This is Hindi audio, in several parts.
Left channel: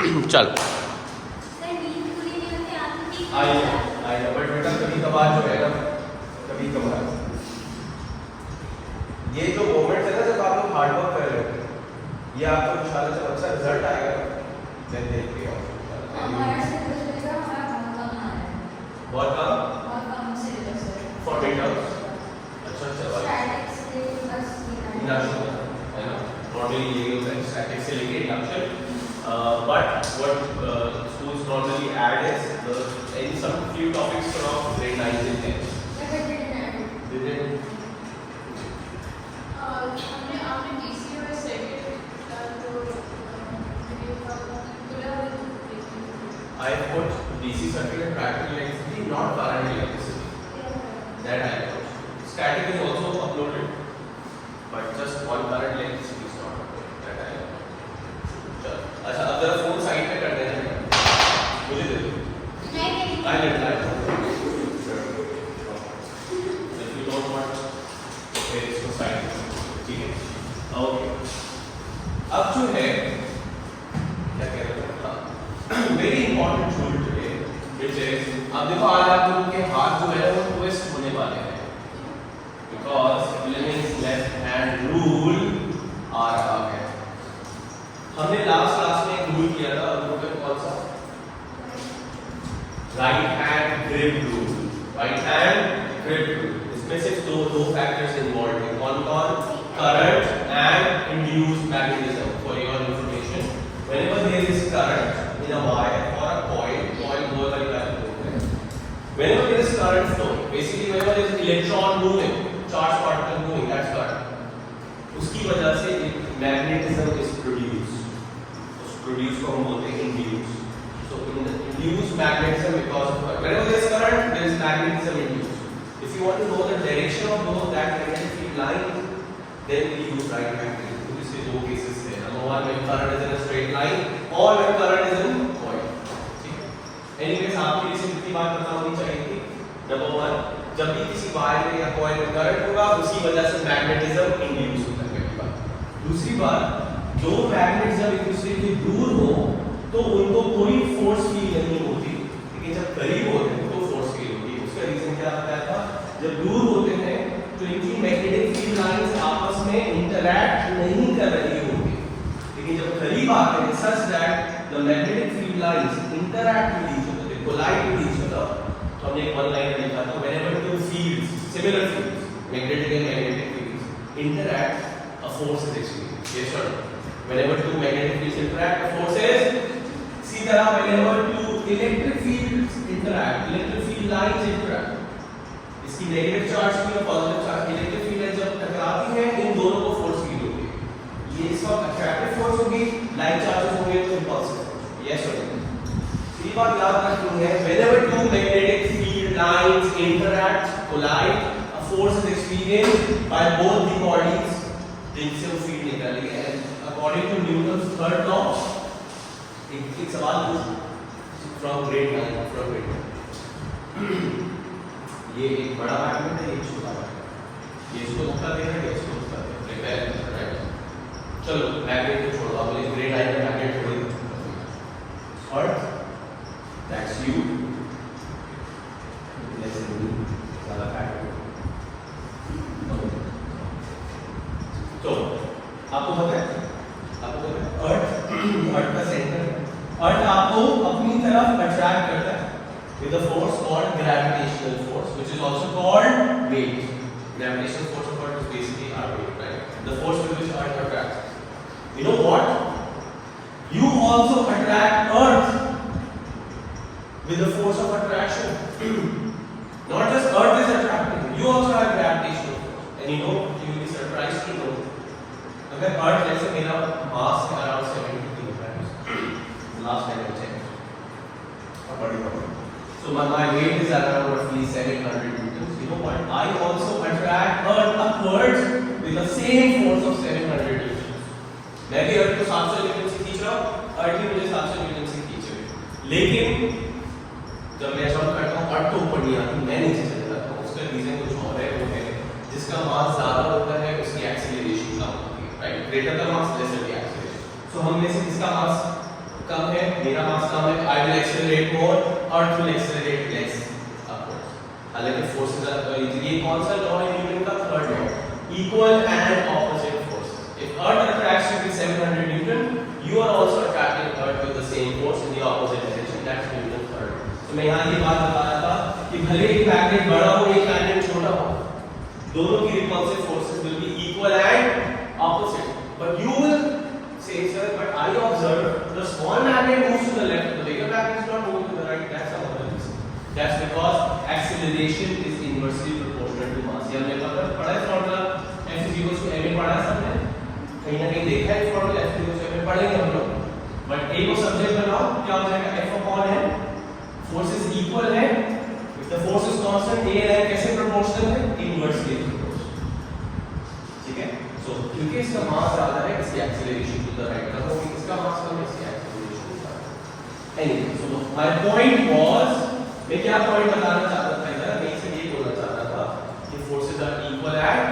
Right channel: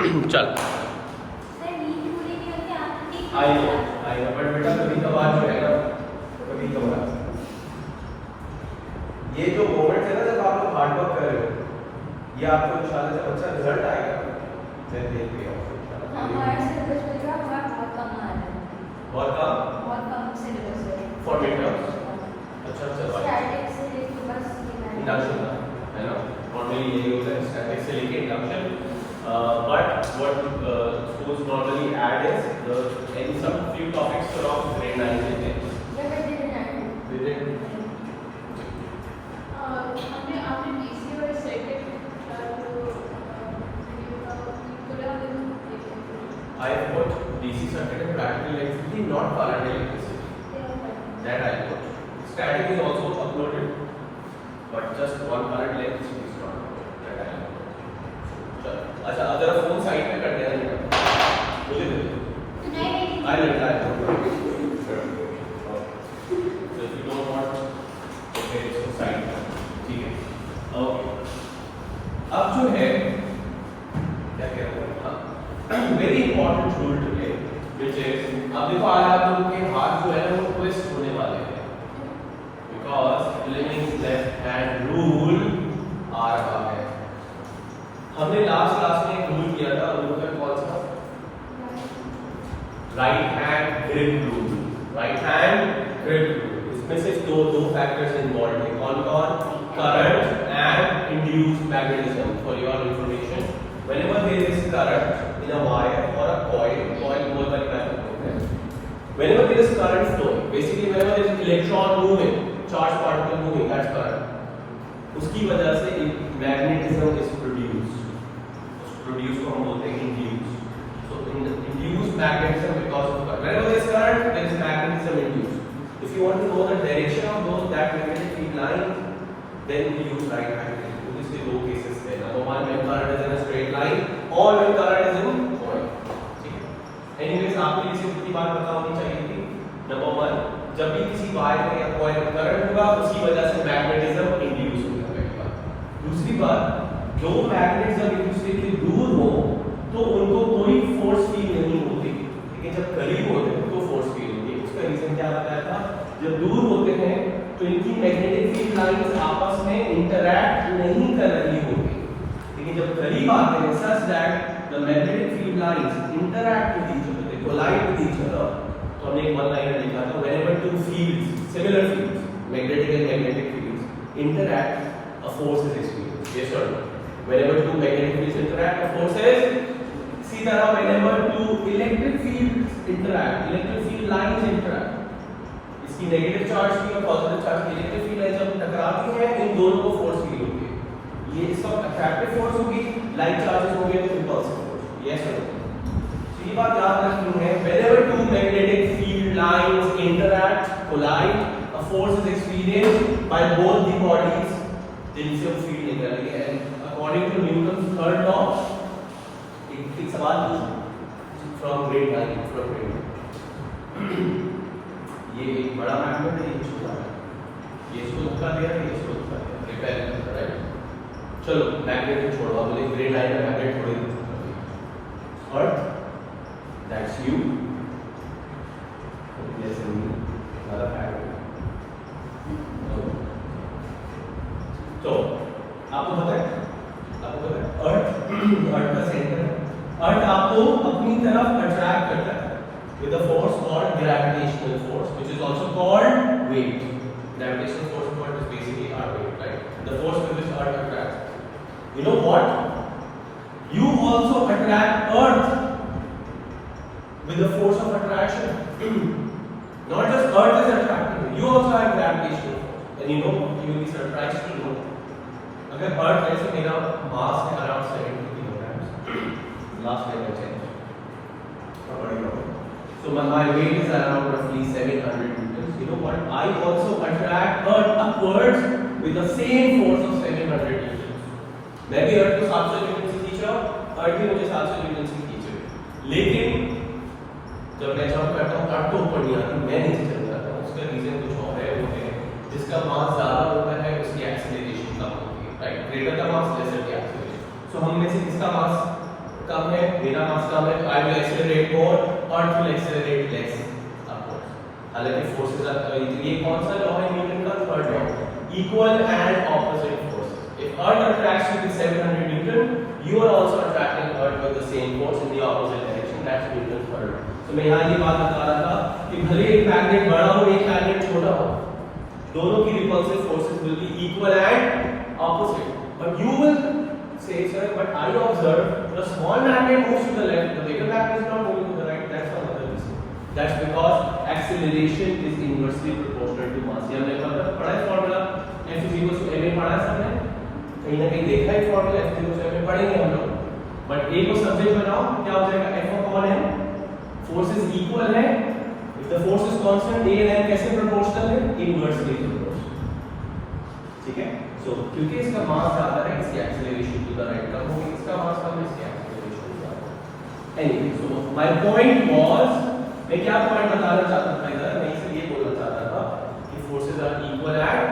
चल आइए बट बेटा कभी कभार जो है ना, कभी कभार ये जो मोमेंट है ना जब आप लोग हार्ड वर्क कर रहे हो, ये आपको इंशाल्लाह जब अच्छा रिजल्ट आएगा मैं देख के बहुत कम फॉर मिडटर्म्स। अच्छा चलवा इंडक्शन है ना, नॉर्मली ये होता है स्टैटिक से लेके induction, but what schools normally add is in some few topics around grade 9 and 10. They didn't. I put DC circuit and practical electricity, not current electricity. That I put. Static is also uploaded, but just one current electricity is not uploaded. That I put. अच्छा अब जरा फोन साइड पे कर देना, मुझे दे दो। I let light if you don't want okay इसको साइड ठीक है ओके। अब जो है क्या कह रहे हैं, very important rule today which is, अब देखो आज आप लोगों के हाथ जो है वो ट्विस्ट होने वाले हैं because Fleming's left hand rule आ रहा है। हमने लास्ट क्लास में एक रूल किया था, वो रूल कौन सा, right hand grip rule, right hand grip rule. इसमें सिर्फ दो फैक्टर्स इन्वॉल्व हैं, कौन कौन, current and induced magnetism. For your information, whenever there is current in a wire और अ कॉइल गोल वाली टाइप ऑफ है, whenever there is current flow, basically whenever there is electron moving, charge particle moving, that's current, उसकी वजह से एक मैग्नेटिज्म इज प्रोड्यूस्ड। Produce को हम बोलते हैं induce. So induced magnetism because of current. Whenever there is current, there is magnetism induced. If you want to know the direction of those that magnetic field line, then we use right magnetism. So this is दो cases है. Number one, when current is in a straight line, or when current is in coil. ठीक है. Anyways, आपको ये सिर्फ बात पता होनी चाहिए कि number one, जब भी किसी वायर में या कॉइल में करंट होगा, उसी वजह से मैग्नेटिज्म इंड्यूस होता है पहली बात। दूसरी बात, जो मैग्नेट जब एक दूसरे के दूर हो तो उनको कोई फोर्स फील नहीं होती, लेकिन जब करीब होते हैं तो फोर्स फील होती है। उसका रीजन क्या बताया था, जब दूर होते हैं तो इनकी मैग्नेटिक फील्ड लाइंस आपस में इंटरैक्ट नहीं कर रही होती, लेकिन जब करीब आते हैं such that the magnetic field lines interact with each other, they collide with each other. तो हमने एक वन लाइन में लिखा था, whenever two fields, similar fields, magnetic and magnetic fields interact, a force is experienced. Yes और no? Whenever two magnetic fields interact, the force is see that whenever two electric fields interact, electric field lines interact, इसकी नेगेटिव चार्ज की और पॉजिटिव चार्ज की इलेक्ट्रिक फील्ड लाइन जब टकराती हैं, इन दोनों को फोर्स फील होती है। ये इसका अट्रैक्टिव फोर्स होगी, लाइक चार्जेस होंगे तो इंपल्सिव फोर्स। यस और नो? ये बात याद रखनी है, whenever two magnetic field lines interact, collide, a force is experienced by both the bodies, जिनसे वो फील्ड निकल रही है। According to Newton's third law, एक सवाल from grade 9 from grade 9, ये एक बड़ा मैग्नेट है, ये छोटा है, ये इसको धक्का दे रहा है, ये इसको धक्का दे रहा है, बैलेंस है, राइट? चलो मैग्नेट को छोड़ो, बोले ग्रेड 9 में मैग्नेट थोड़ी अर्थ, दैट्स यू, जैसे नहीं ज़्यादा पैड। तो आपको पता है अर्थ का सेंटर, अर्थ आपको अपनी तरफ अट्रैक्ट करता है with a force called gravitational force, which is also called weight. Gravitational force is called basically our weight, right? The force with which earth attracts. You know what? You also attract earth with the force of attraction. Not just earth is attracting you, you also have gravitational force. And you know, you will be surprised to know, अगर अर्थ जैसे मेरा मास है around 70 kilograms, last time I checked, so my weight is around roughly 700 newtons. You know what? I also attract earth upwards with the same force of 700 newtons. मैं भी अर्थ को 700 न्यूटन से खींच रहा हूँ, अर्थ भी मुझे 700 न्यूटन से खींच रही है, लेकिन जब मैं ऐसा करता हूँ अर्थ तो ऊपर नहीं आती, मैं नीचे चल जाता हूँ। उसका रीजन कुछ और है, वो है जिसका मास ज़्यादा होता है उसकी एक्सेलरेशन कम होती है, right? Greater the mass lesser the acceleration. So हम में से जिसका मास कम है, मेरा मास कम है, I will accelerate more, earth will accelerate less upwards. हालांकि फोर्सेस ये कौन सा लॉ है न्यूटन का? Third law, equal and opposite forces. If earth attracts you with 700 Newton, you are also attracting earth with the same force in the opposite direction. That's Newton's third law. तो मैं यहाँ ये बात बता रहा था कि भले एक मैग्नेट बड़ा हो, एक मैग्नेट छोटा हो, दोनों की repulsive forces will be equal and opposite. But you will say, sir, but I observe the small magnet moves to the left, the bigger magnet is not moving to the right. That's another reason. That's because acceleration is inversely proportional to mass. ये हमने पढ़ा है formula F is equal to ma पढ़ा है सबने, कहीं ना कहीं देखा है formula F is equal to ma पढ़ेंगे हम लोग। बट एक को सब्जेक्ट बनाओ, क्या हो जाएगा? F अपॉन है, फोर्स इज इक्वल है, if the force is constant, a and m कैसे प्रोपोर्शनल है? Inversely proportional. ठीक है, सो क्योंकि इसका मास ज्यादा है, इसकी एक्सीलरेशन टू द राइट कम होगी, इसका मास कम है, इसकी एक्सीलरेशन ज्यादा है। Anyway, so my point was, मैं क्या पॉइंट बताना चाहता था इधर, मैं इसे ये बोलना चाहता था कि forces are equal and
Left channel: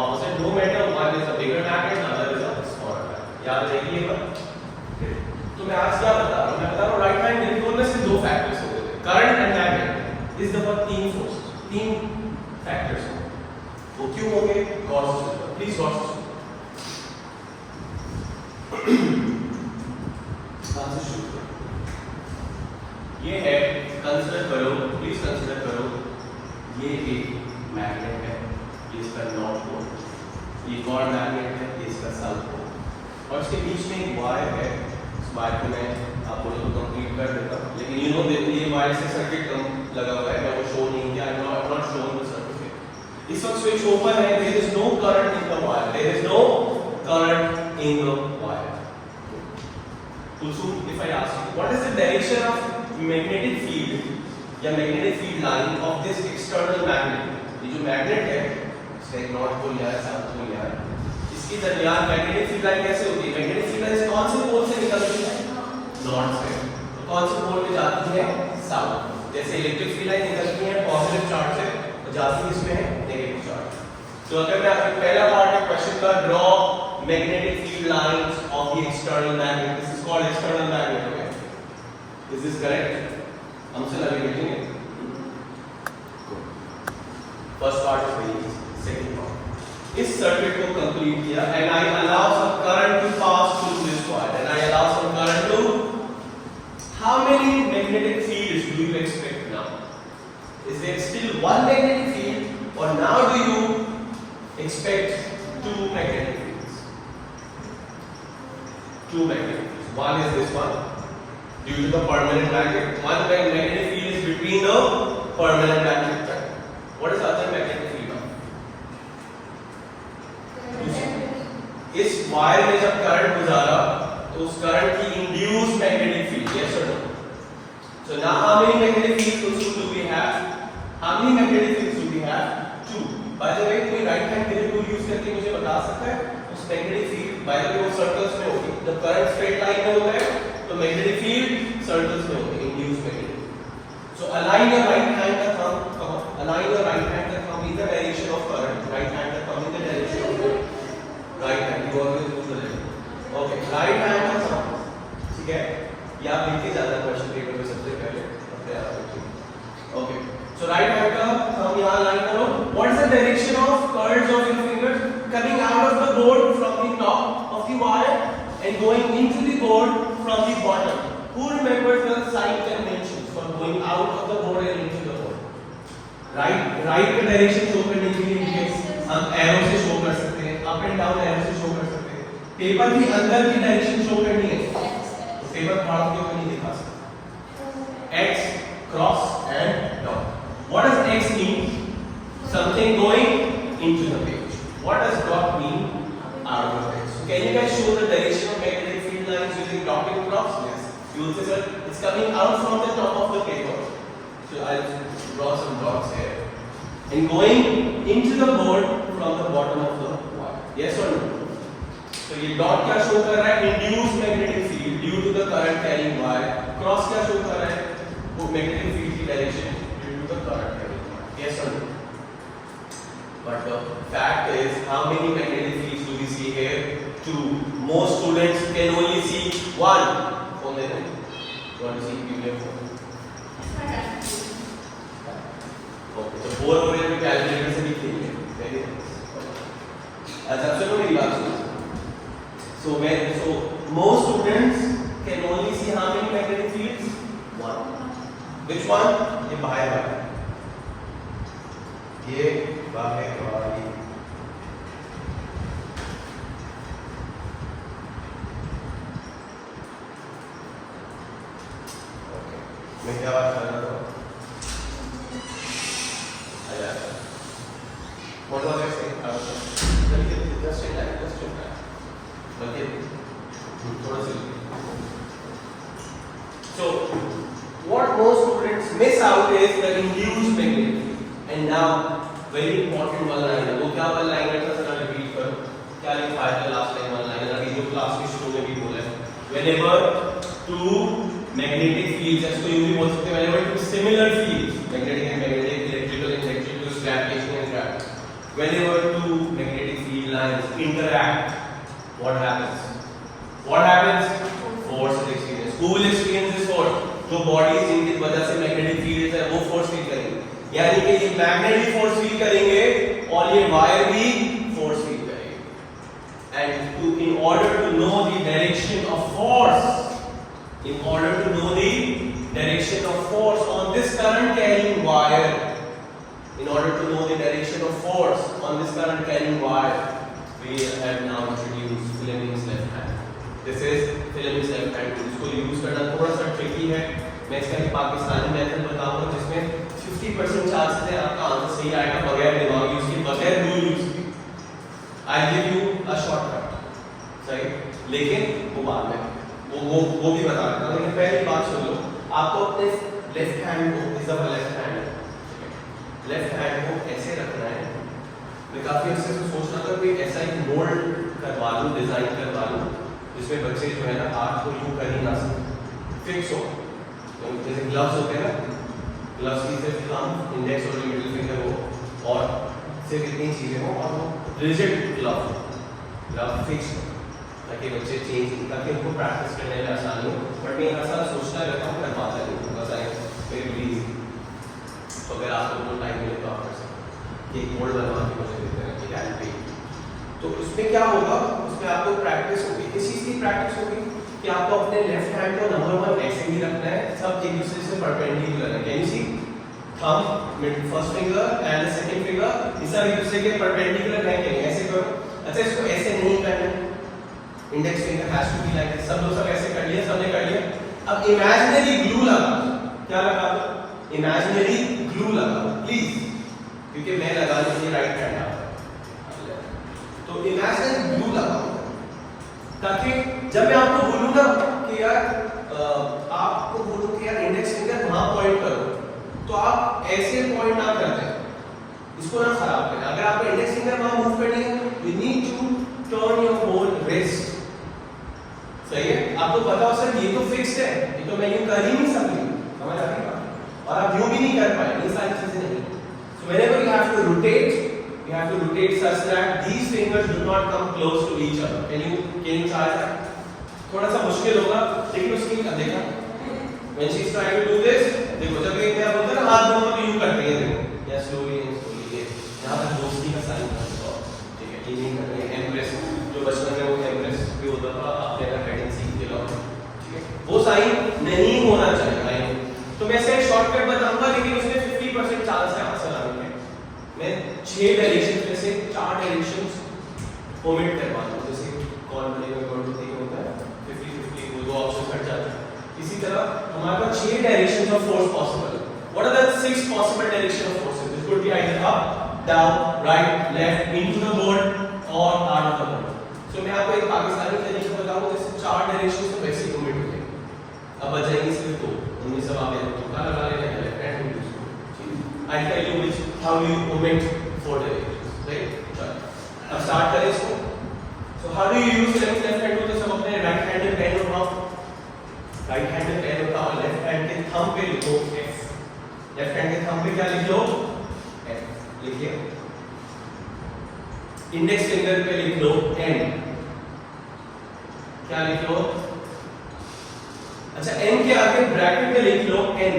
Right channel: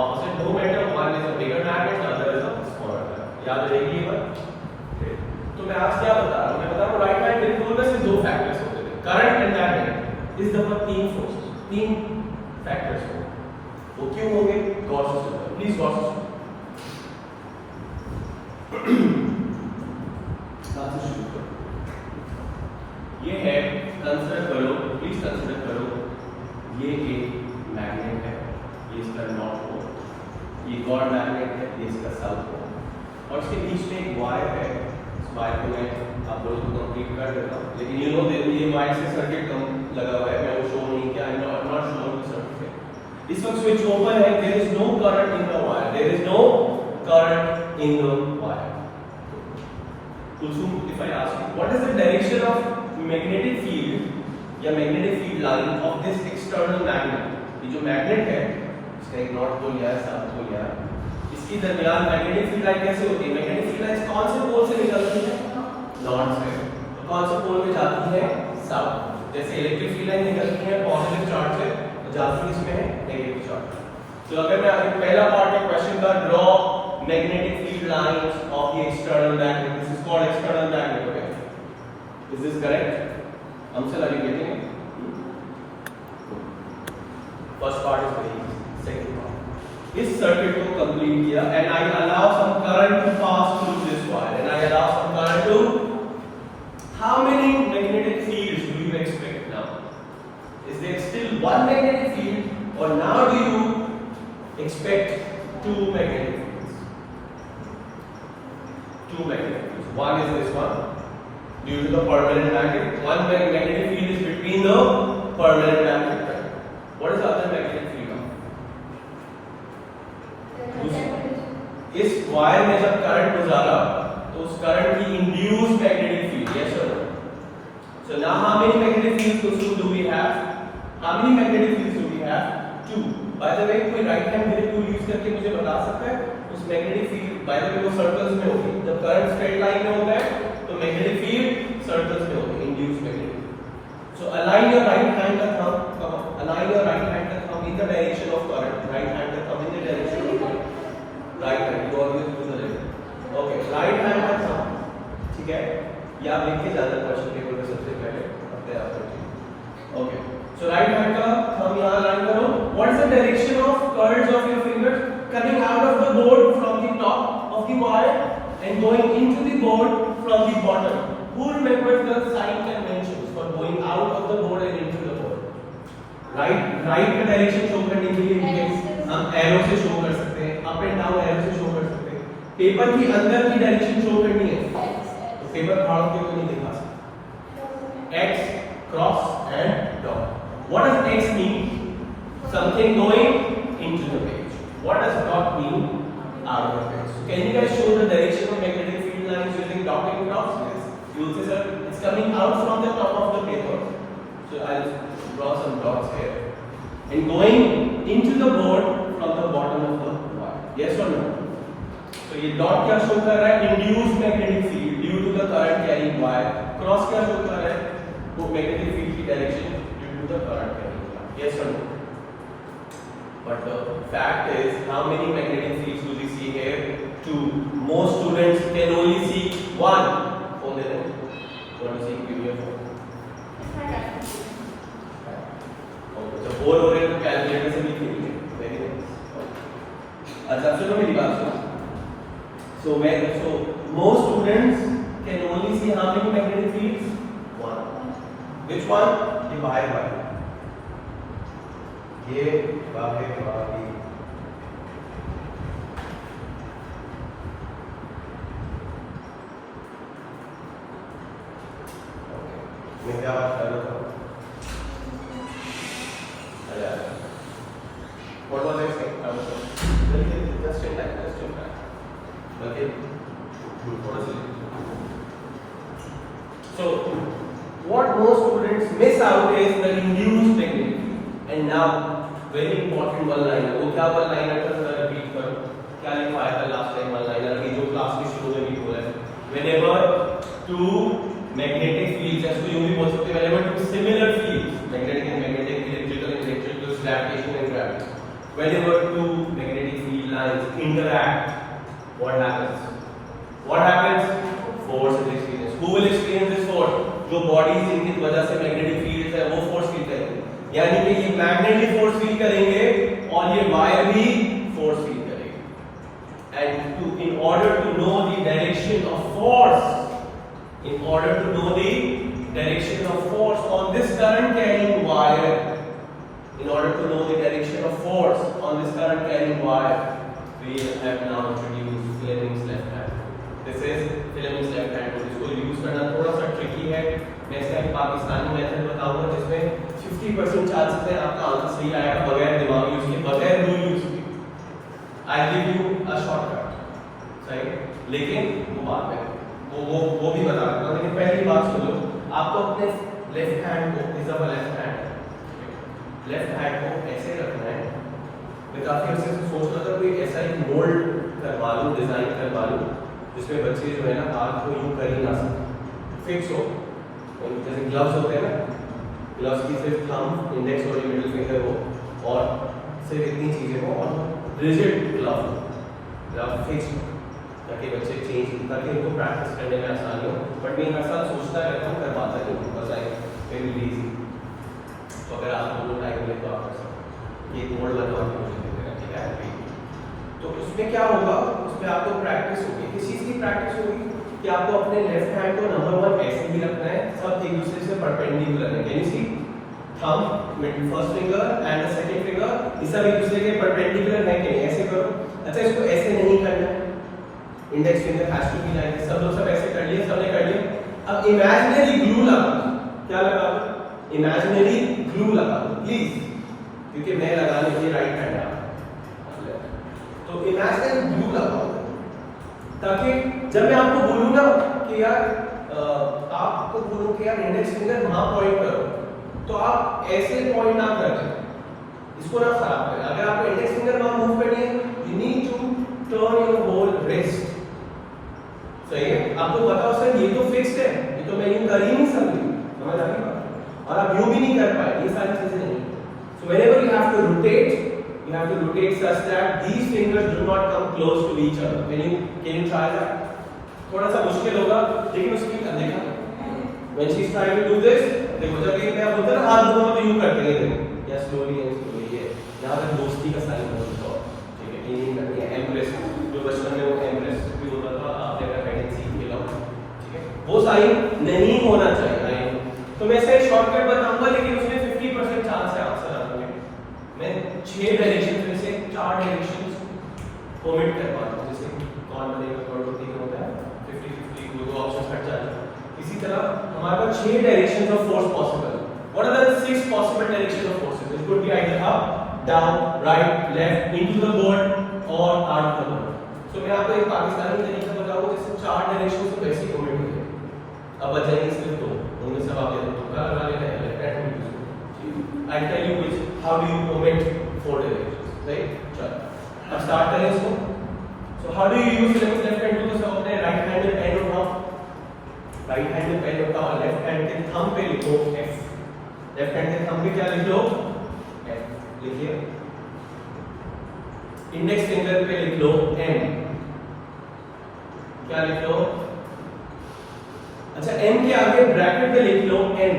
opposite, no matter one is a bigger magnet, other is a smaller magnet. याद रखिएगा। तो मैं आज क्या बता रहा हूं? मैं बता रहा हूं राइट हैंड ग्रिप में सिर्फ दो फैक्टर्स होते हैं, करंट एंड मैग्नेट। इस दफा तीन फोर्स, तीन फैक्टर्स हैं। वो क्यों होंगे? गौर से सुनो, प्लीज गौर से सुनो। बात से शुरू करो। ये है, कंसीडर करो, प्लीज कंसीडर करो, ये एक मैग्नेट है, ये इसका नॉर्थ पोल, ये एक और मैग्नेट है, ये इसका साउथ पोल, और इसके बीच में एक वायर है। इस वायर को मैं आपको तो कंप्लीट कर देता हूं, लेकिन ये लोग देखो, ये वायर से सर्किट कम लगा हुआ है, मैं वो शो नहीं किया, I am not showing the circuit. इस वक्त स्विच ओपन है, there is no current in the wire, there is no current in the wire. So if I ask you, what is the direction of magnetic field या magnetic field line of this external magnet? ये जो मैग्नेट है, इसका एक नॉर्थ पोल है, साउथ पोल है, इसके दरमियान मैग्नेटिक फील्ड लाइन कैसे होती है? मैग्नेटिक फील्ड लाइन कौन से पोल से निकलती है? नॉर्थ से। तो कौन से पोल में जाती है? साउथ। जैसे इलेक्ट्रिक फील्ड लाइन निकलती है पॉजिटिव चार्ज से, तो जाती है इसमें नेगेटिव चार्ज। तो अगर मैं आपको पहला पार्ट है क्वेश्चन का, draw magnetic field lines of the external magnet, this is called external magnet, okay? Is this correct? हमसे लगे बैठेंगे। First part is very easy, second part, इस सर्किट को कंप्लीट किया and I allow some current to pass through this wire and I allow some current to, how many magnetic fields do you expect now? Is there still one magnetic field or now do you expect two magnetic fields? Two magnetic fields. One is this one, due to the permanent magnet. One magnetic field is between the permanent magnet. What is the other magnetic field? इस वायर में जब करंट गुजारा तो उस करंट की induced magnetic field, yes or no? So now how many magnetic fields do we have? How many magnetic fields do we have? Two. By the way, कोई right hand grip tool use करके मुझे बता सकता है उस magnetic field, by the way वो सर्कल्स में होती है, जब करंट स्ट्रेट लाइन में होता है तो मैग्नेटिक फील्ड सर्कल्स में होती है, induced magnetic. So align your right hand का thumb, align your right hand का thumb in the direction of current, right hand का thumb in the direction of right hand, you always use the left. Okay, right hand का थंब, ठीक है? ये आप लिख के जाना क्वेश्चन पेपर में सबसे पहले अपने आप से। ओके, सो राइट हैंड का थंब यहां लाइन करो। What is the direction of curves of your fingers coming out of the board from the top of the wire and going into the board from the bottom? Who remembers the sign conventions for going out of the board and into the board? Right का डायरेक्शन शो करने के लिए हम एरो से शो कर सकते हैं, अप एंड डाउन एरो से शो कर सकते हैं। पेपर की अंदर की डायरेक्शन शो करनी है तो पेपर फाड़ के तो नहीं दिखा सकते। X, cross and dot. What does X mean? Something going into the page. What does dot mean? Out of the page. So can you guys show the direction of magnetic field lines using dot and cross? Yes. You will say, sir, it's coming out from the top of the paper. So I'll draw some dots here. And going into the board from the bottom of the wire. Yes or no? So ये dot क्या show कर रहा है? Induced magnetic field due to the current carrying wire. Cross क्या show कर रहा है? वो magnetic field की direction due to the current carrying wire. Yes or no? But the fact is, how many magnetic fields do we see here? Two. Most students can only see one. want to see PDF for? Okay, तो बोर हो गए तो कैलकुलेटर से भी खेलिए. Very nice. अच्छा सुनो मेरी बात सुनो. So most students can only see how many magnetic fields? One. Which one? ये बाहर वाली. ये बाहर वाली. मैं क्या बात कर रहा हूँ? What was I saying? Just in time. So, what most students miss out is the induced magnetic field. And now, very important one-liner. वो क्या one-liner था? जरा repeat करो. क्या लिखा था last time one-liner? अभी जो class की शुरू में भी बोला है. Whenever two magnetic fields, ऐसे तो यूँ भी बोल सकते हैं. Whenever two similar fields, magnetic and magnetic, electrical and electrical, gravitation and gravity. Whenever two magnetic field lines interact, what happens? What happens? Force is experienced. Who will experience this force? जो bodies जिनकी वजह से magnetic field है वो force feel करेंगे. यानी कि ये magnet भी force feel करेंगे और ये wire भी force feel करेंगे. And in order to know the direction of force on this current carrying wire, we have now introduced Fleming's left hand. This is Fleming's left hand. इसको यूज करना थोड़ा सा ट्रिकी है. मैं इसका एक पाकिस्तानी मेथड बताऊंगा जिसमें 50% चांसेस है आपका आंसर सही आएगा बगैर दिमाग यूज किए, बगैर रूल यूज किए. I give you a shortcut, सही, लेकिन वो बाद में वो भी बता दूंगा. लेकिन पहली बात सुन लो, आपको अपने लेफ्ट हैंड को लेफ्ट हैंड को ऐसे रखना है. मैं काफी अच्छे से सोच रहा था कि ऐसा एक मोल्ड करवा लूं, डिजाइन करवा लूं जिसमें बच्चे जो है ना हाथ को यूं कर ही ना सके, फिक्स हो. जैसे ग्लव्स होते हैं ना, ग्लव्स की सिर्फ थंब, इंडेक्स और मिडिल फिंगर हो और सिर्फ इतनी चीजें हो और रिजिड ग्लव फिक्स हो ताकि बच्चे चेंज, ताकि उनको प्रैक्टिस करने में आसानी हो. बट मैं हर साल सोचता रहता हूँ, करवाता नहीं हूँ, बस आई वेरी इजी. तो अगर आपको जो टाइम मिले तो आप कर सकते हैं. एक मोल्ड बनवा के मुझे देते हैं एलपी. तो इसमें क्या होगा, उसमें आपको प्रैक्टिस होगी. किस चीज़ की प्रैक्टिस होगी कि आपको अपने लेफ्ट हैंड को नंबर 1 ऐसे ही रखना है, सब एक दूसरे से परपेंडिकुलर है. Can you see thumb, first finger and the second finger, ये सब एक दूसरे के परपेंडिकुलर है कि नहीं? ऐसे करो. अच्छा, इसको ऐसे नहीं करना है. Index finger has to be like this. सब लोग सब ऐसे कर लिया, सबने कर लिया. अब इमेजिनरी ग्लू लगा. क्या लगा? इमेजिनरी ग्लू लगा प्लीज, क्योंकि मैं लगाने के लिए राइट हैंड आता. तो इमेजिनरी ग्लू लगाओ ताकि जब मैं आपको बोलूं ना कि यार आपको बोलूं कि यार इंडेक्स फिंगर वहां पॉइंट करो, तो आप ऐसे पॉइंट ना कर दें, इसको ना खराब करें. अगर आपको इंडेक्स फिंगर वहां मूव करनी है, you need to turn your whole wrist. सही है? आपको पता हो सर ये तो फिक्स्ड है, ये तो मैं यूं कर ही नहीं सकती, समझ आ रही बात? और आप यूं भी नहीं कर पाए, ये सारी चीजें नहीं. सो whenever you have to rotate such that these fingers do not come close to each other. Can you try that? थोड़ा सा मुश्किल होगा, लेकिन उसकी देखा when she is trying to do this, देखो जब एक मैं बोलता हूं हाथ दोनों तो यूं करते हैं, देखो या slowly ये यहां पर दोस्ती का साइन होता है. ठीक है, ये करनी है एम्प्रेस, जो बचपन में वो एम्प्रेस भी होता था, आपने अगर हेडिंग सीख के लो, ठीक है, वो साइन नहीं होना चाहिए. तो मैं इसे एक शॉर्टकट बताऊंगा, लेकिन उसमें 50% चांस है आंसर आने के. मैं 6 डायरेक्शन में से 4 डायरेक्शंस ओमिट करवा दूं. जैसे कौन बनेगा कौन होता है 50-50, दो ऑप्शन हट जाते हैं. इसी तरह हमारे पास 6 डायरेक्शंस ऑफ फोर्स पॉसिबल है. What are the 6 possible direction of forces? This could be either up, down, right, left, into the board और out of the board. So मैं आपको एक पाकिस्तानी तरीका बताऊंगा जिससे 4 डायरेक्शंस तो वैसे ओमिट हो जाएंगे. अब बचाएंगे सिर्फ 2. उनमें सब आप लगा लेना है left hand. I'll tell you which how you omit 4 directions, right? चलो अब स्टार्ट करें इसको. So how do you use left hand? तो सब अपने राइट हैंड में पेन उठाओ, राइट हैंड में पेन उठाओ, लेफ्ट हैंड के थंब पे लिखो F. लेफ्ट हैंड के थंब पे क्या लिख लो? F लिखिए. इंडेक्स फिंगर पे लिख लो M. क्या लिख लो? अच्छा n के आगे ब्रैकेट में लिख लो n,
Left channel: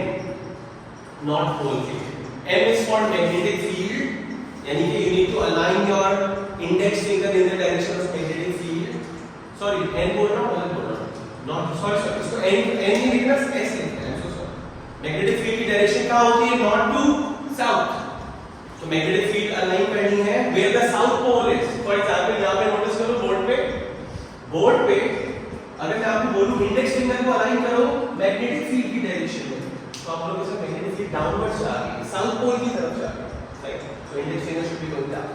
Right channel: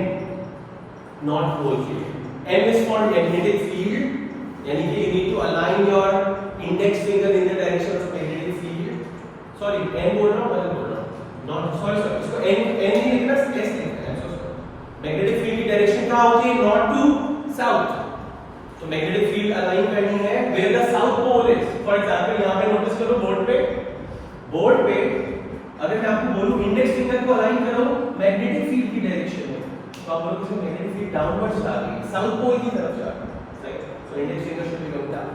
नॉट होल के लिए। n is for magnetic field, यानी कि you need to align your index finger in the direction of magnetic field. Sorry, n बोल रहा हूँ, बोल रहा हूँ, not sorry इसको n नहीं लिखना, s लिखना है। मैग्नेटिक फील्ड की डायरेक्शन कहाँ होती है? North to south. तो मैग्नेटिक फील्ड अलाइन करनी है where the south pole is. For example यहाँ पे नोटिस करो बोर्ड पे अगर मैं आपको बोलूं इंडेक्स फिंगर को अलाइन करो मैग्नेटिक फील्ड की डायरेक्शन में, तो आप लोग इसे मैग्नेटिक फील्ड डाउनवर्ड्स जा रही है, साउथ पोल की तरफ जा रही है, राइट? तो index finger should be going down.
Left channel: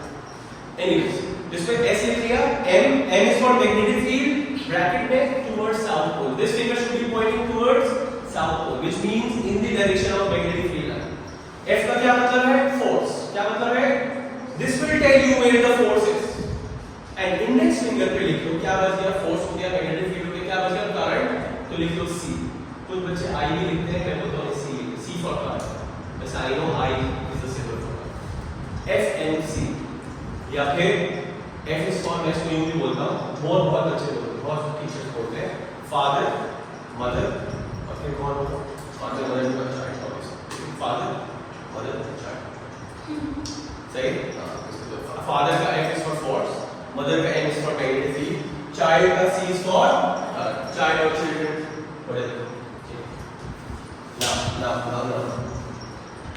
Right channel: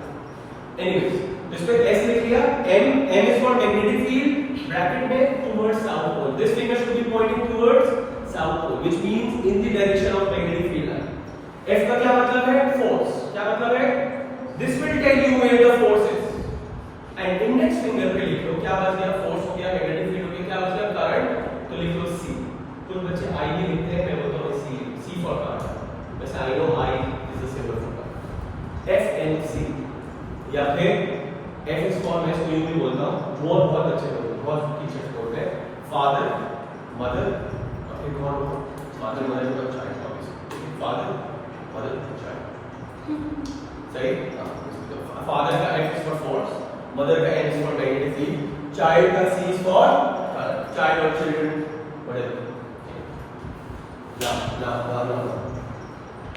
Anyways इस पे s लिख लिया, m is for magnetic field bracket में towards south pole. This finger should be pointing towards south pole which means in the direction of magnetic field line. f का क्या मतलब है? फोर्स। क्या मतलब है? This will tell you where the force is. And index finger पे लिख लो क्या बच गया? फोर्स हो गया, मैग्नेटिक फील्ड हो गया, क्या बच गया? करंट। तो लिख लो c। कुछ बच्चे i भी लिखते हैं, मैं बोलता हूं c फॉर करंट। बस I know i is the symbol for f and c। या फिर f इज फॉर, मैं इसको यूं भी बोलता हूं, बहुत बच्चे बोलते हैं, बहुत टीचर्स बोलते हैं फादर मदर, और फिर कौन हो? फादर मदर का चाइल्ड, फादर मदर चाइल्ड, सही? फादर का f is for force, mother का m is for magnetic field, child का c इज फॉर चाइल्ड और चिल्ड्रन, what is it? ना।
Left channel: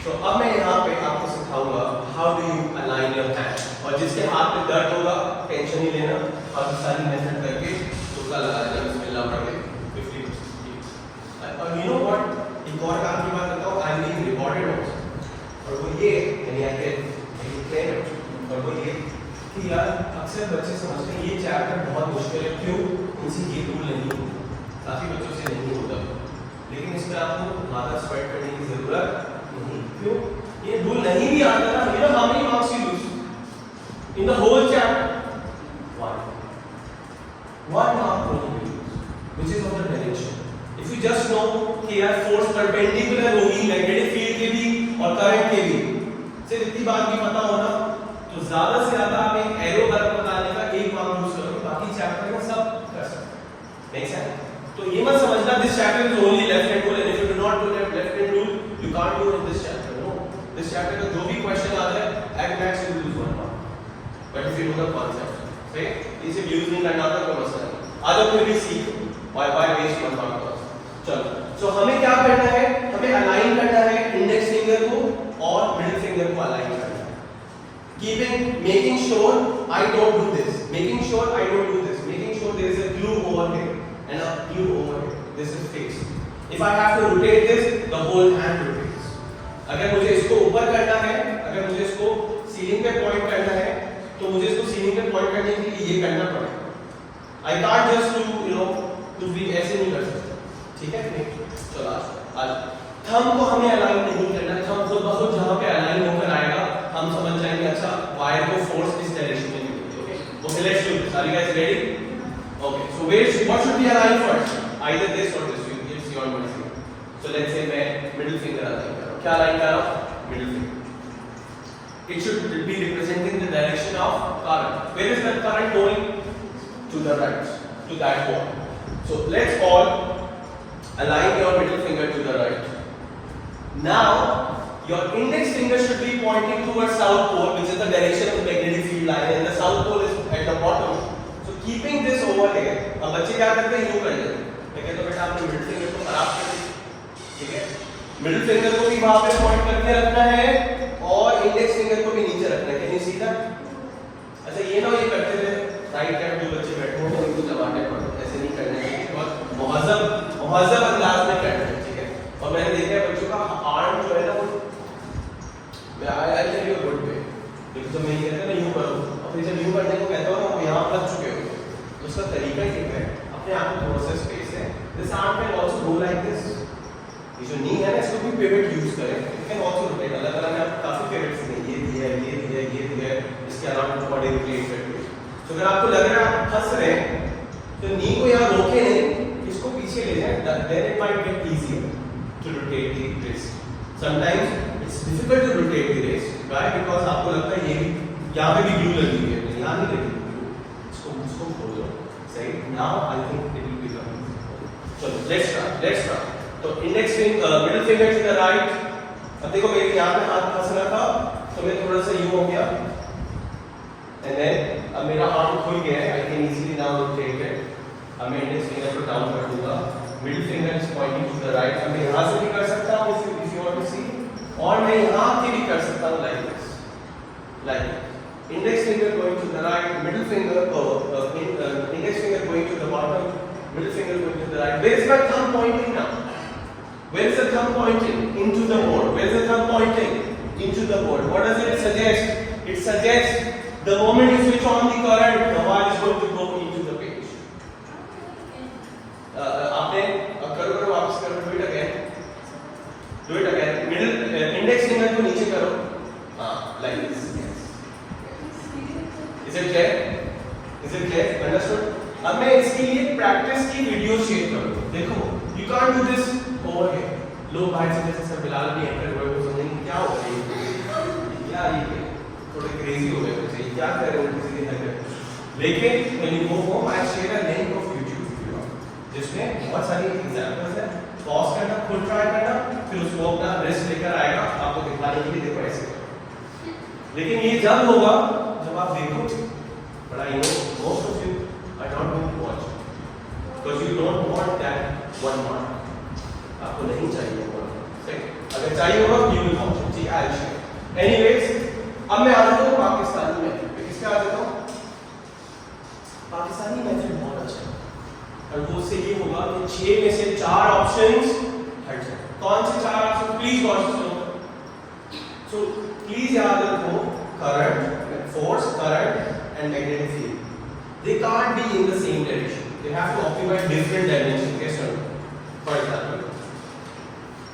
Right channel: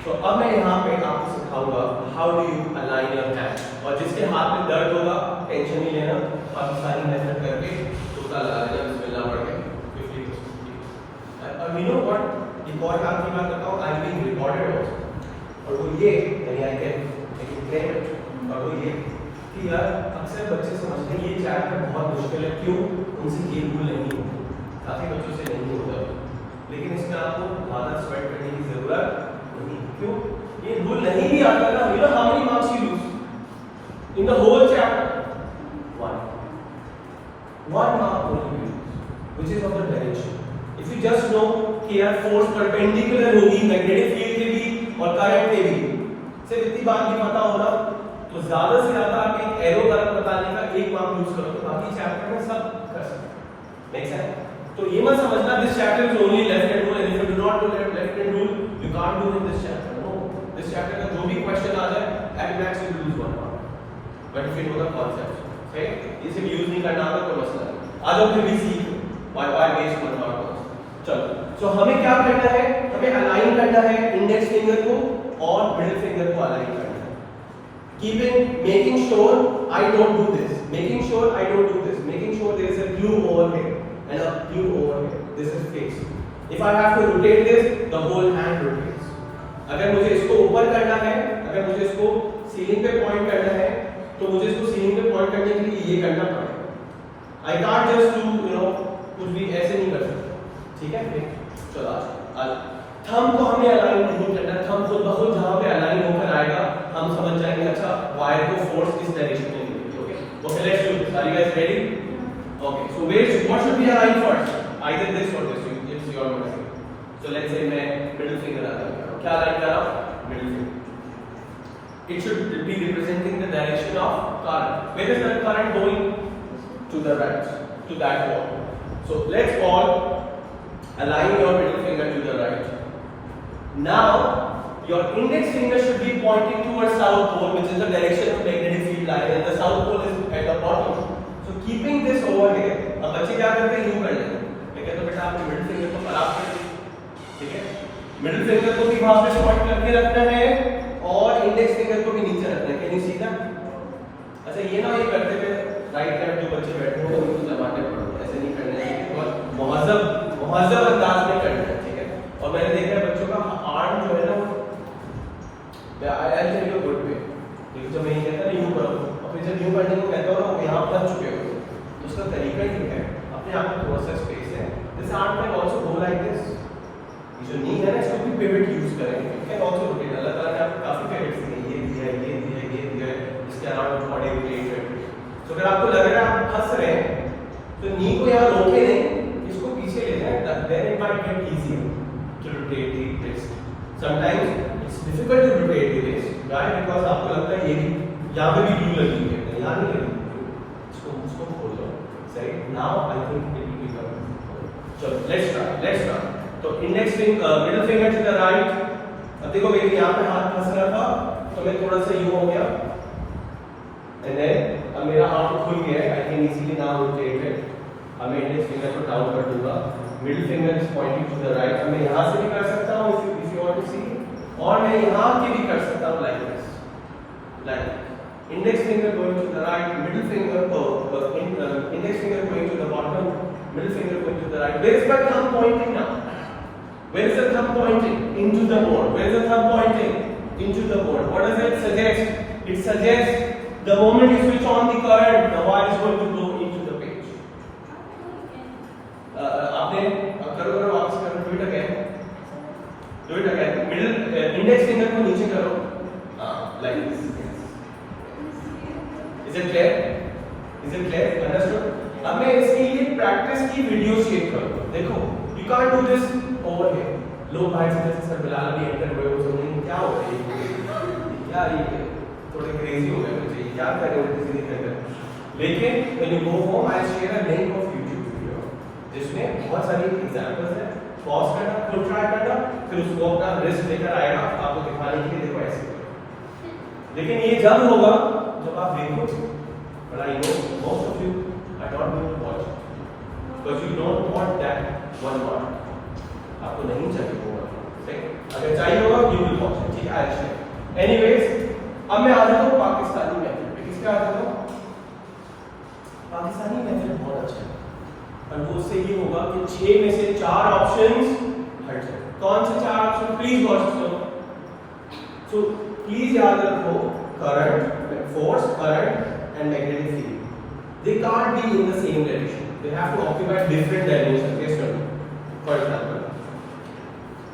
तो अब मैं यहाँ पे आपको सिखाऊंगा how do you align your hand, और जिसके हाथ में दर्द होगा टेंशन नहीं लेना, अब सारी मेथड करके तुक्का लगा देना, बिस्मिल्लाह पढ़ के 50%। और यू नो व्हाट, एक और काम की बात बताऊं, I am being recorded also, और वो ये यानी आई कैन, और वो ये कि यार अक्सर बच्चे समझते हैं ये चैप्टर बहुत मुश्किल है, क्यों? उनसे ये रूल नहीं होता, काफी बच्चों से नहीं होता, लेकिन इसमें आपको ज़्यादा स्वेट करने की जरूरत नहीं। क्यों? ये रूल नहीं भी आता ना, you know how many marks you lose in the whole chapter? one mark only, which is of the direction. If you just know कि यार फोर्स परपेंडिकुलर होगी मैग्नेटिक फील्ड के भी और करंट के भी, सिर्फ इतनी बात भी पता होना, तो ज्यादा से ज्यादा आप एक एरो वर्क बताने का एक मार्क यूज करोगे, बाकी चैप्टर में सब कर सकते हैं। नेक्स्ट है, तो ये मत समझना this chapter is only left hand rule, and if you do not do left hand rule you can't do in this chapter. No, this chapter का जो भी क्वेश्चन आ जाए at max you lose 1 mark, but if you know the concept, सही? इसे यूज नहीं करना तो कोई मसला नहीं, आज आप फिर भी सीख बाय वेस्ट 1 मार्क। चलो, सो हमें क्या करना है? हमें अलाइन करना है इंडेक्स फिंगर को और मिडिल फिंगर को अलाइन करना है। making sure I don't do this, making sure I don't do this, making sure there is a glue over here and a glue over here, this is fixed. If I have to rotate this, the whole hand rotates. अगर मुझे इसको ऊपर करना है, अगर मुझे इसको सीलिंग पे पॉइंट करना है, तो मुझे इसको सीलिंग पे पॉइंट करने के लिए ये करना पड़ेगा। I can't just do, you know, कुछ भी ऐसे नहीं कर सकता, ठीक है? चलो आज थंब को हमें अलाइन नहीं करना है, थंब खुद ब खुद जहाँ पे अलाइन होकर आएगा हम समझ जाएंगे अच्छा वायर को फोर्स इस डायरेक्शन में मिलेगी। Okay, okay let's do this. Are you guys ready? Okay, so what should be align first? Either this और this, it's your middle. So let's say मैं मिडिल फिंगर अलाइन कर रहा हूं। क्या अलाइन कर रहा हूं? Middle finger. It should be representing the direction of current. Where is the current going? To the right, to that wall. So let's all align your middle finger to the right. Now your index finger should be pointing towards south pole, which is the direction of the magnetic field line, and the south pole is at the bottom. So keeping this over here, अब बच्चे क्या करते हैं? यूं कर लेते हैं, तो कहते हैं बेटा आपने मिडिल फिंगर को खराब कर दिया, ठीक है? मिडिल फिंगर को भी वहां पे पॉइंट करके रखना है और इंडेक्स फिंगर को भी नीचे रखना है। Can you see that? अच्छा, ये ना ये करते हुए राइट हैंड जो बच्चे बैठे हैं उनको जमाने पड़ते, ऐसे नहीं करना है, मुहज़्ज़ब अंदाज में करना है, ठीक है? और मैंने देखा बच्चों का आर्म जो है ना, वो I tell you good way, लेकिन तो मैं ये कहता हूं यूं करो, और फिर जब यूं करने को कहता हूं आप यहां फंस चुके हो, तो उसका तरीका ये है, अपने आप में थोड़ा सा स्पेस है, this arm can also go like this, ये जो नी है ना इसको भी पिवट यूज करें, यू कैन आल्सो रोटेट। अल्लाह ताला ने आपको काफी पिवट्स दिए, ये दिया है, ये दिया है, ये दिया है, इसके अलावा बॉडी रोटेट करके। तो अगर आपको लग रहा है आप फंस रहे हैं, तो नी को यहां रोके नहीं, इसको पीछे ले जाए, then it might get easier to rotate the wrist. Sometimes it's difficult to rotate the wrist, right? Because आपको लगता है ये यहाँ पे भी glue लगी है, यहाँ नहीं लगी, इसको खोलो, सही? Now I think it will become चलो लेट्स स्टार्ट। तो index finger middle finger to the right. अब देखो मेरे यहाँ पे हाथ फंस रहा था तो मैं थोड़ा सा यूं हो गया एंड देन अब मेरा हाथ खुल गया है। I can easily now rotate it. अब मैं इंडेक्स फिंगर को डाउन कर दूंगा, middle finger is pointing to the right. अब मैं यहाँ से भी कर सकता हूँ if you want to see, और मैं यहाँ से भी कर सकता हूँ like this, like index finger going to the right, middle finger index finger going to the bottom, middle finger going to the right. Where is my thumb pointing now? Where is the thumb pointing? Into the board. Where is the thumb pointing? Into the board. What does it suggest? It suggests the moment you switch on the current, the wire is going to go into the page. आपने करो वापस करो, do it again. Middle index finger को नीचे करो, like this. Is it clear? Understood? अब मैं इसके लिए प्रैक्टिस की वीडियो शेयर करूंगा। देखो, you can't do this over here. लोग भाई से जैसे सब बिलाल भी एंटर हुए वो समझेंगे क्या हो रहा है, क्या ये थोड़े क्रेजी हो गए मुझे, क्या कर रहे हो किसी ने एंटर। लेकिन when you go home, I share a link of YouTube video जिसमें बहुत सारी एग्जांपल्स हैं। पॉज करना, खुद ट्राई करना, फिर उसको अपना रिस्क लेकर आएगा आपको दिखाने के लिए, देखो ऐसे। लेकिन ये जब होगा जब आप देखोगे, but I know most of you are not going to watch because you don't want that one mark. आपको नहीं चाहिए वो mark, सही? अगर चाहिए होगा you will watch it, ठीक है? I'll share. Anyways, अब मैं आ जाता हूँ पाकिस्तानी मेथड पे। किसका आ जाता हूँ? पाकिस्तानी मेथड बहुत अच्छा है, और वो उससे ये होगा कि 6 में से 4 ऑप्शंस हट जाए। कौन से 4 option? Please watch this. So please याद रखो, current, force, current and magnetic field, they can't be in the same direction. They have to occupy different dimensions. Yes or no? For example,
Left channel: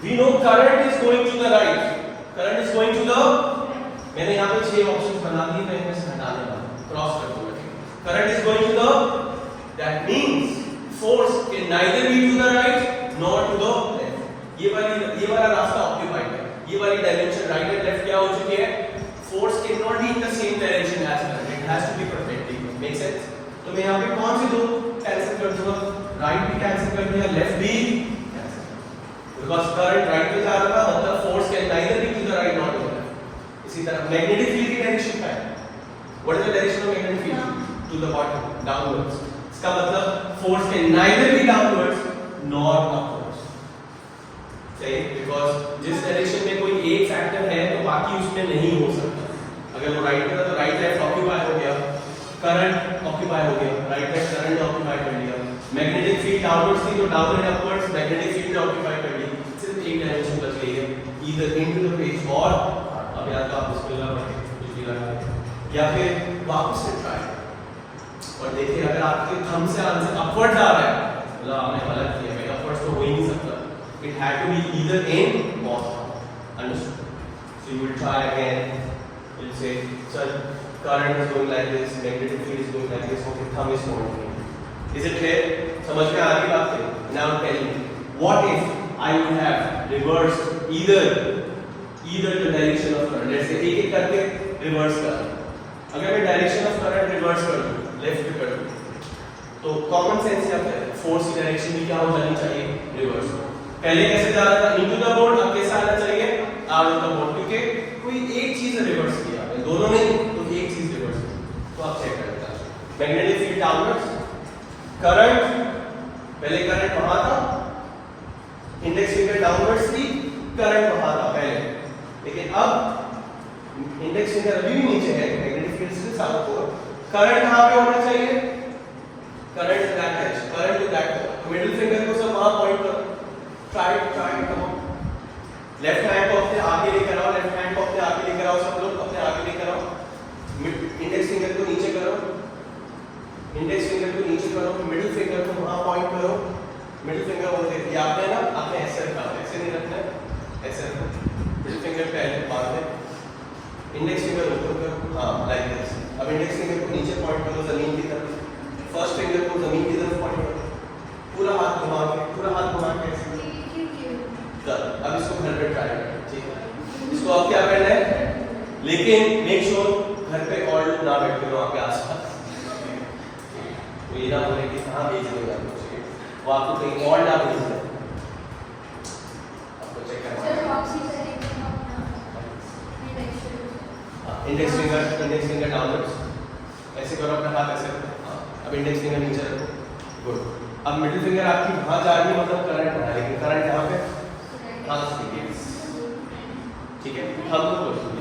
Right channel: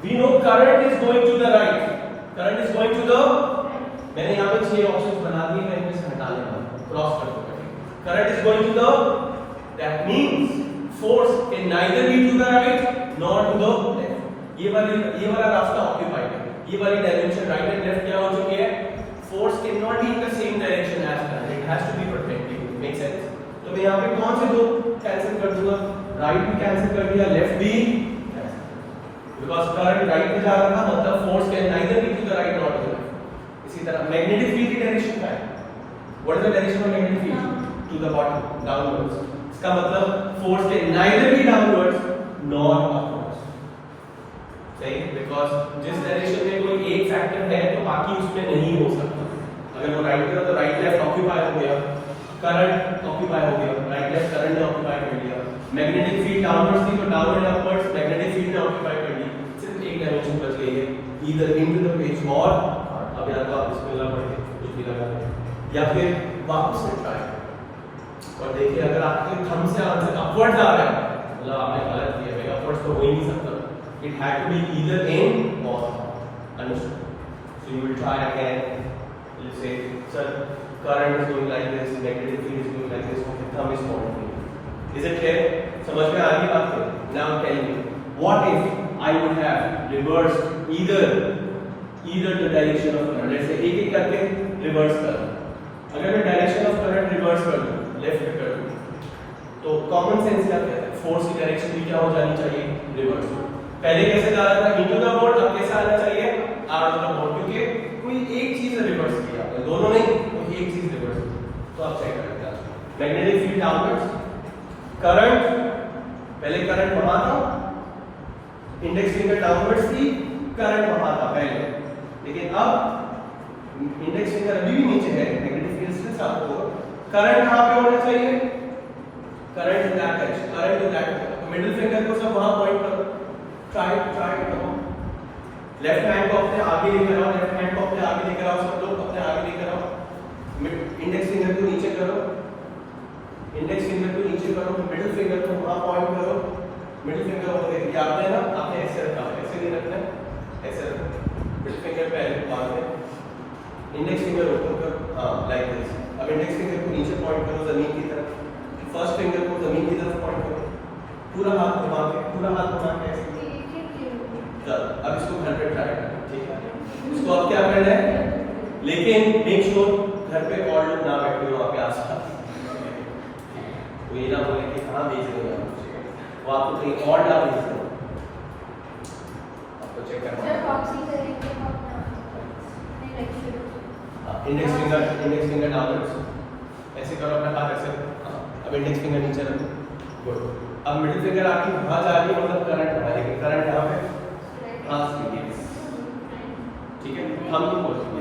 we know current is going to the right, current is going to the, मैंने यहाँ पे 6 ऑप्शंस बना दिए, मैं इनमें से हटाने वाला हूँ, क्रॉस कर दूंगा। current is going to the, that means force can neither be to the right nor to the left. ये वाला रास्ता ऑक्यूपाइड है, ये वाली डायमेंशन राइट एंड लेफ्ट क्या हो चुकी है? Force cannot be in the same direction as current. It has to be perpendicular. Make sense? तो मैं यहाँ पे कौन से दो कैंसिल कर दूँगा? राइट भी कैंसिल कर दिया, लेफ्ट भी कैंसिल। Because current राइट पे जा रहा था, मतलब force can neither be to the right nor to the left. इसी तरह magnetic field की डायरेक्शन क्या है? What is the direction of magnetic field? To the bottom, downwards. इसका मतलब force can neither be downwards nor upwards. सही? Because जिस डायरेक्शन में कोई एक फैक्टर है तो बाकी उसमें नहीं हो सकता। अगर वो राइट पे था तो राइट लेफ्ट ऑक्यूपाई हो गया, करंट ऑक्यूपाई हो गया, राइट लेफ्ट करंट ऑक्यूपाई कर लिया। मैग्नेटिक फील्ड डाउनवर्ड्स थी तो down and upwards magnetic field ने ऑक्यूपाई कर ली। सिर्फ एक डायरेक्शन बच गई है, ईदर इनटू द पेज, और अब या तो आप बिस्मिल्लाह पढ़ें कुछ भी लगा दें या फिर वापस से ट्राई। और देखिए अगर आपके थंब से आंसर अपवर्ड्स आ रहा है मतलब आपने गलत किया है, अपवर्ड्स तो हो ही नहीं सकता। It had to be either in or out. Understood? So you will try again. You'll say, sir, current is going like this, magnetic field is going like this, okay, thumb is pointing. Is it clear? समझ में आ रही बात है? Now tell me, what if I would have reversed either the direction of current? Let's say एक करके reverse कर दूँ। अगर मैं direction of current reverse कर दूँ, left पे कर दूँ, तो common sense क्या कहता है? Force की direction भी क्या हो जानी चाहिए? Reverse। पहले कैसे जा रहा था? इनटू द बोर्ड, अब कैसा आना चाहिए? आउट ऑफ द बोर्ड, क्योंकि कोई एक चीज रिवर्स किया आपने, दोनों नहीं, कोई एक चीज रिवर्स की। तो आप चेक कर लेते हैं। मैग्नेटिक फील्ड डाउनवर्ड्स, करंट, पहले करंट वहां था, इंडेक्स फिंगर डाउनवर्ड्स थी, करंट वहां था पहले, लेकिन अब इंडेक्स फिंगर अभी भी नीचे है, मैग्नेटिक फील्ड से साथ होगा। करंट कहां पे होना चाहिए? Current in that direction, current in that, middle finger को सब वहां पॉइंट करो। ट्राई करो। लेफ्ट हैंड को अपने आगे लेकर आओ, लेफ्ट हैंड को अपने आगे लेकर आओ, सब लोग अपने आगे लेकर आओ। इंडेक्स फिंगर को नीचे करो, इंडेक्स फिंगर को नीचे करो, मिडिल फिंगर को वहां पॉइंट करो। मिडिल फिंगर को देखिए आपने ना, आपने ऐसे रखा है, ऐसे नहीं रखना है, ऐसे रखो। मिडिल फिंगर पे मार दे, इंडेक्स फिंगर ऊपर करो, हां लाइक दिस। अब इंडेक्स फिंगर को नीचे पॉइंट करो जमीन की तरफ, फर्स्ट फिंगर को जमीन की तरफ पॉइंट करो, पूरा हाथ घुमा के ऐसे। चलो अब इसको घर पे ट्राई करें, ठीक है? इसको अब क्या करना है, लेकिन मेक श्योर घर पे और लोग ना बैठे हो आपके आसपास, तो ये ना बोले कि हाँ भेज देगा मुझे। वो आपको कहीं और डाल दीजिए, आपको चेक करना इंडेक्स फिंगर डाउनवर्ड्स ऐसे करो अपना हाथ ऐसे। अब इंडेक्स फिंगर नीचे रखो, गुड। अब मिडिल फिंगर आपकी वहां जा रही है, मतलब करंट आ रही है, करंट कहां पे? हाथ की, ठीक है। थंब को बोलते हैं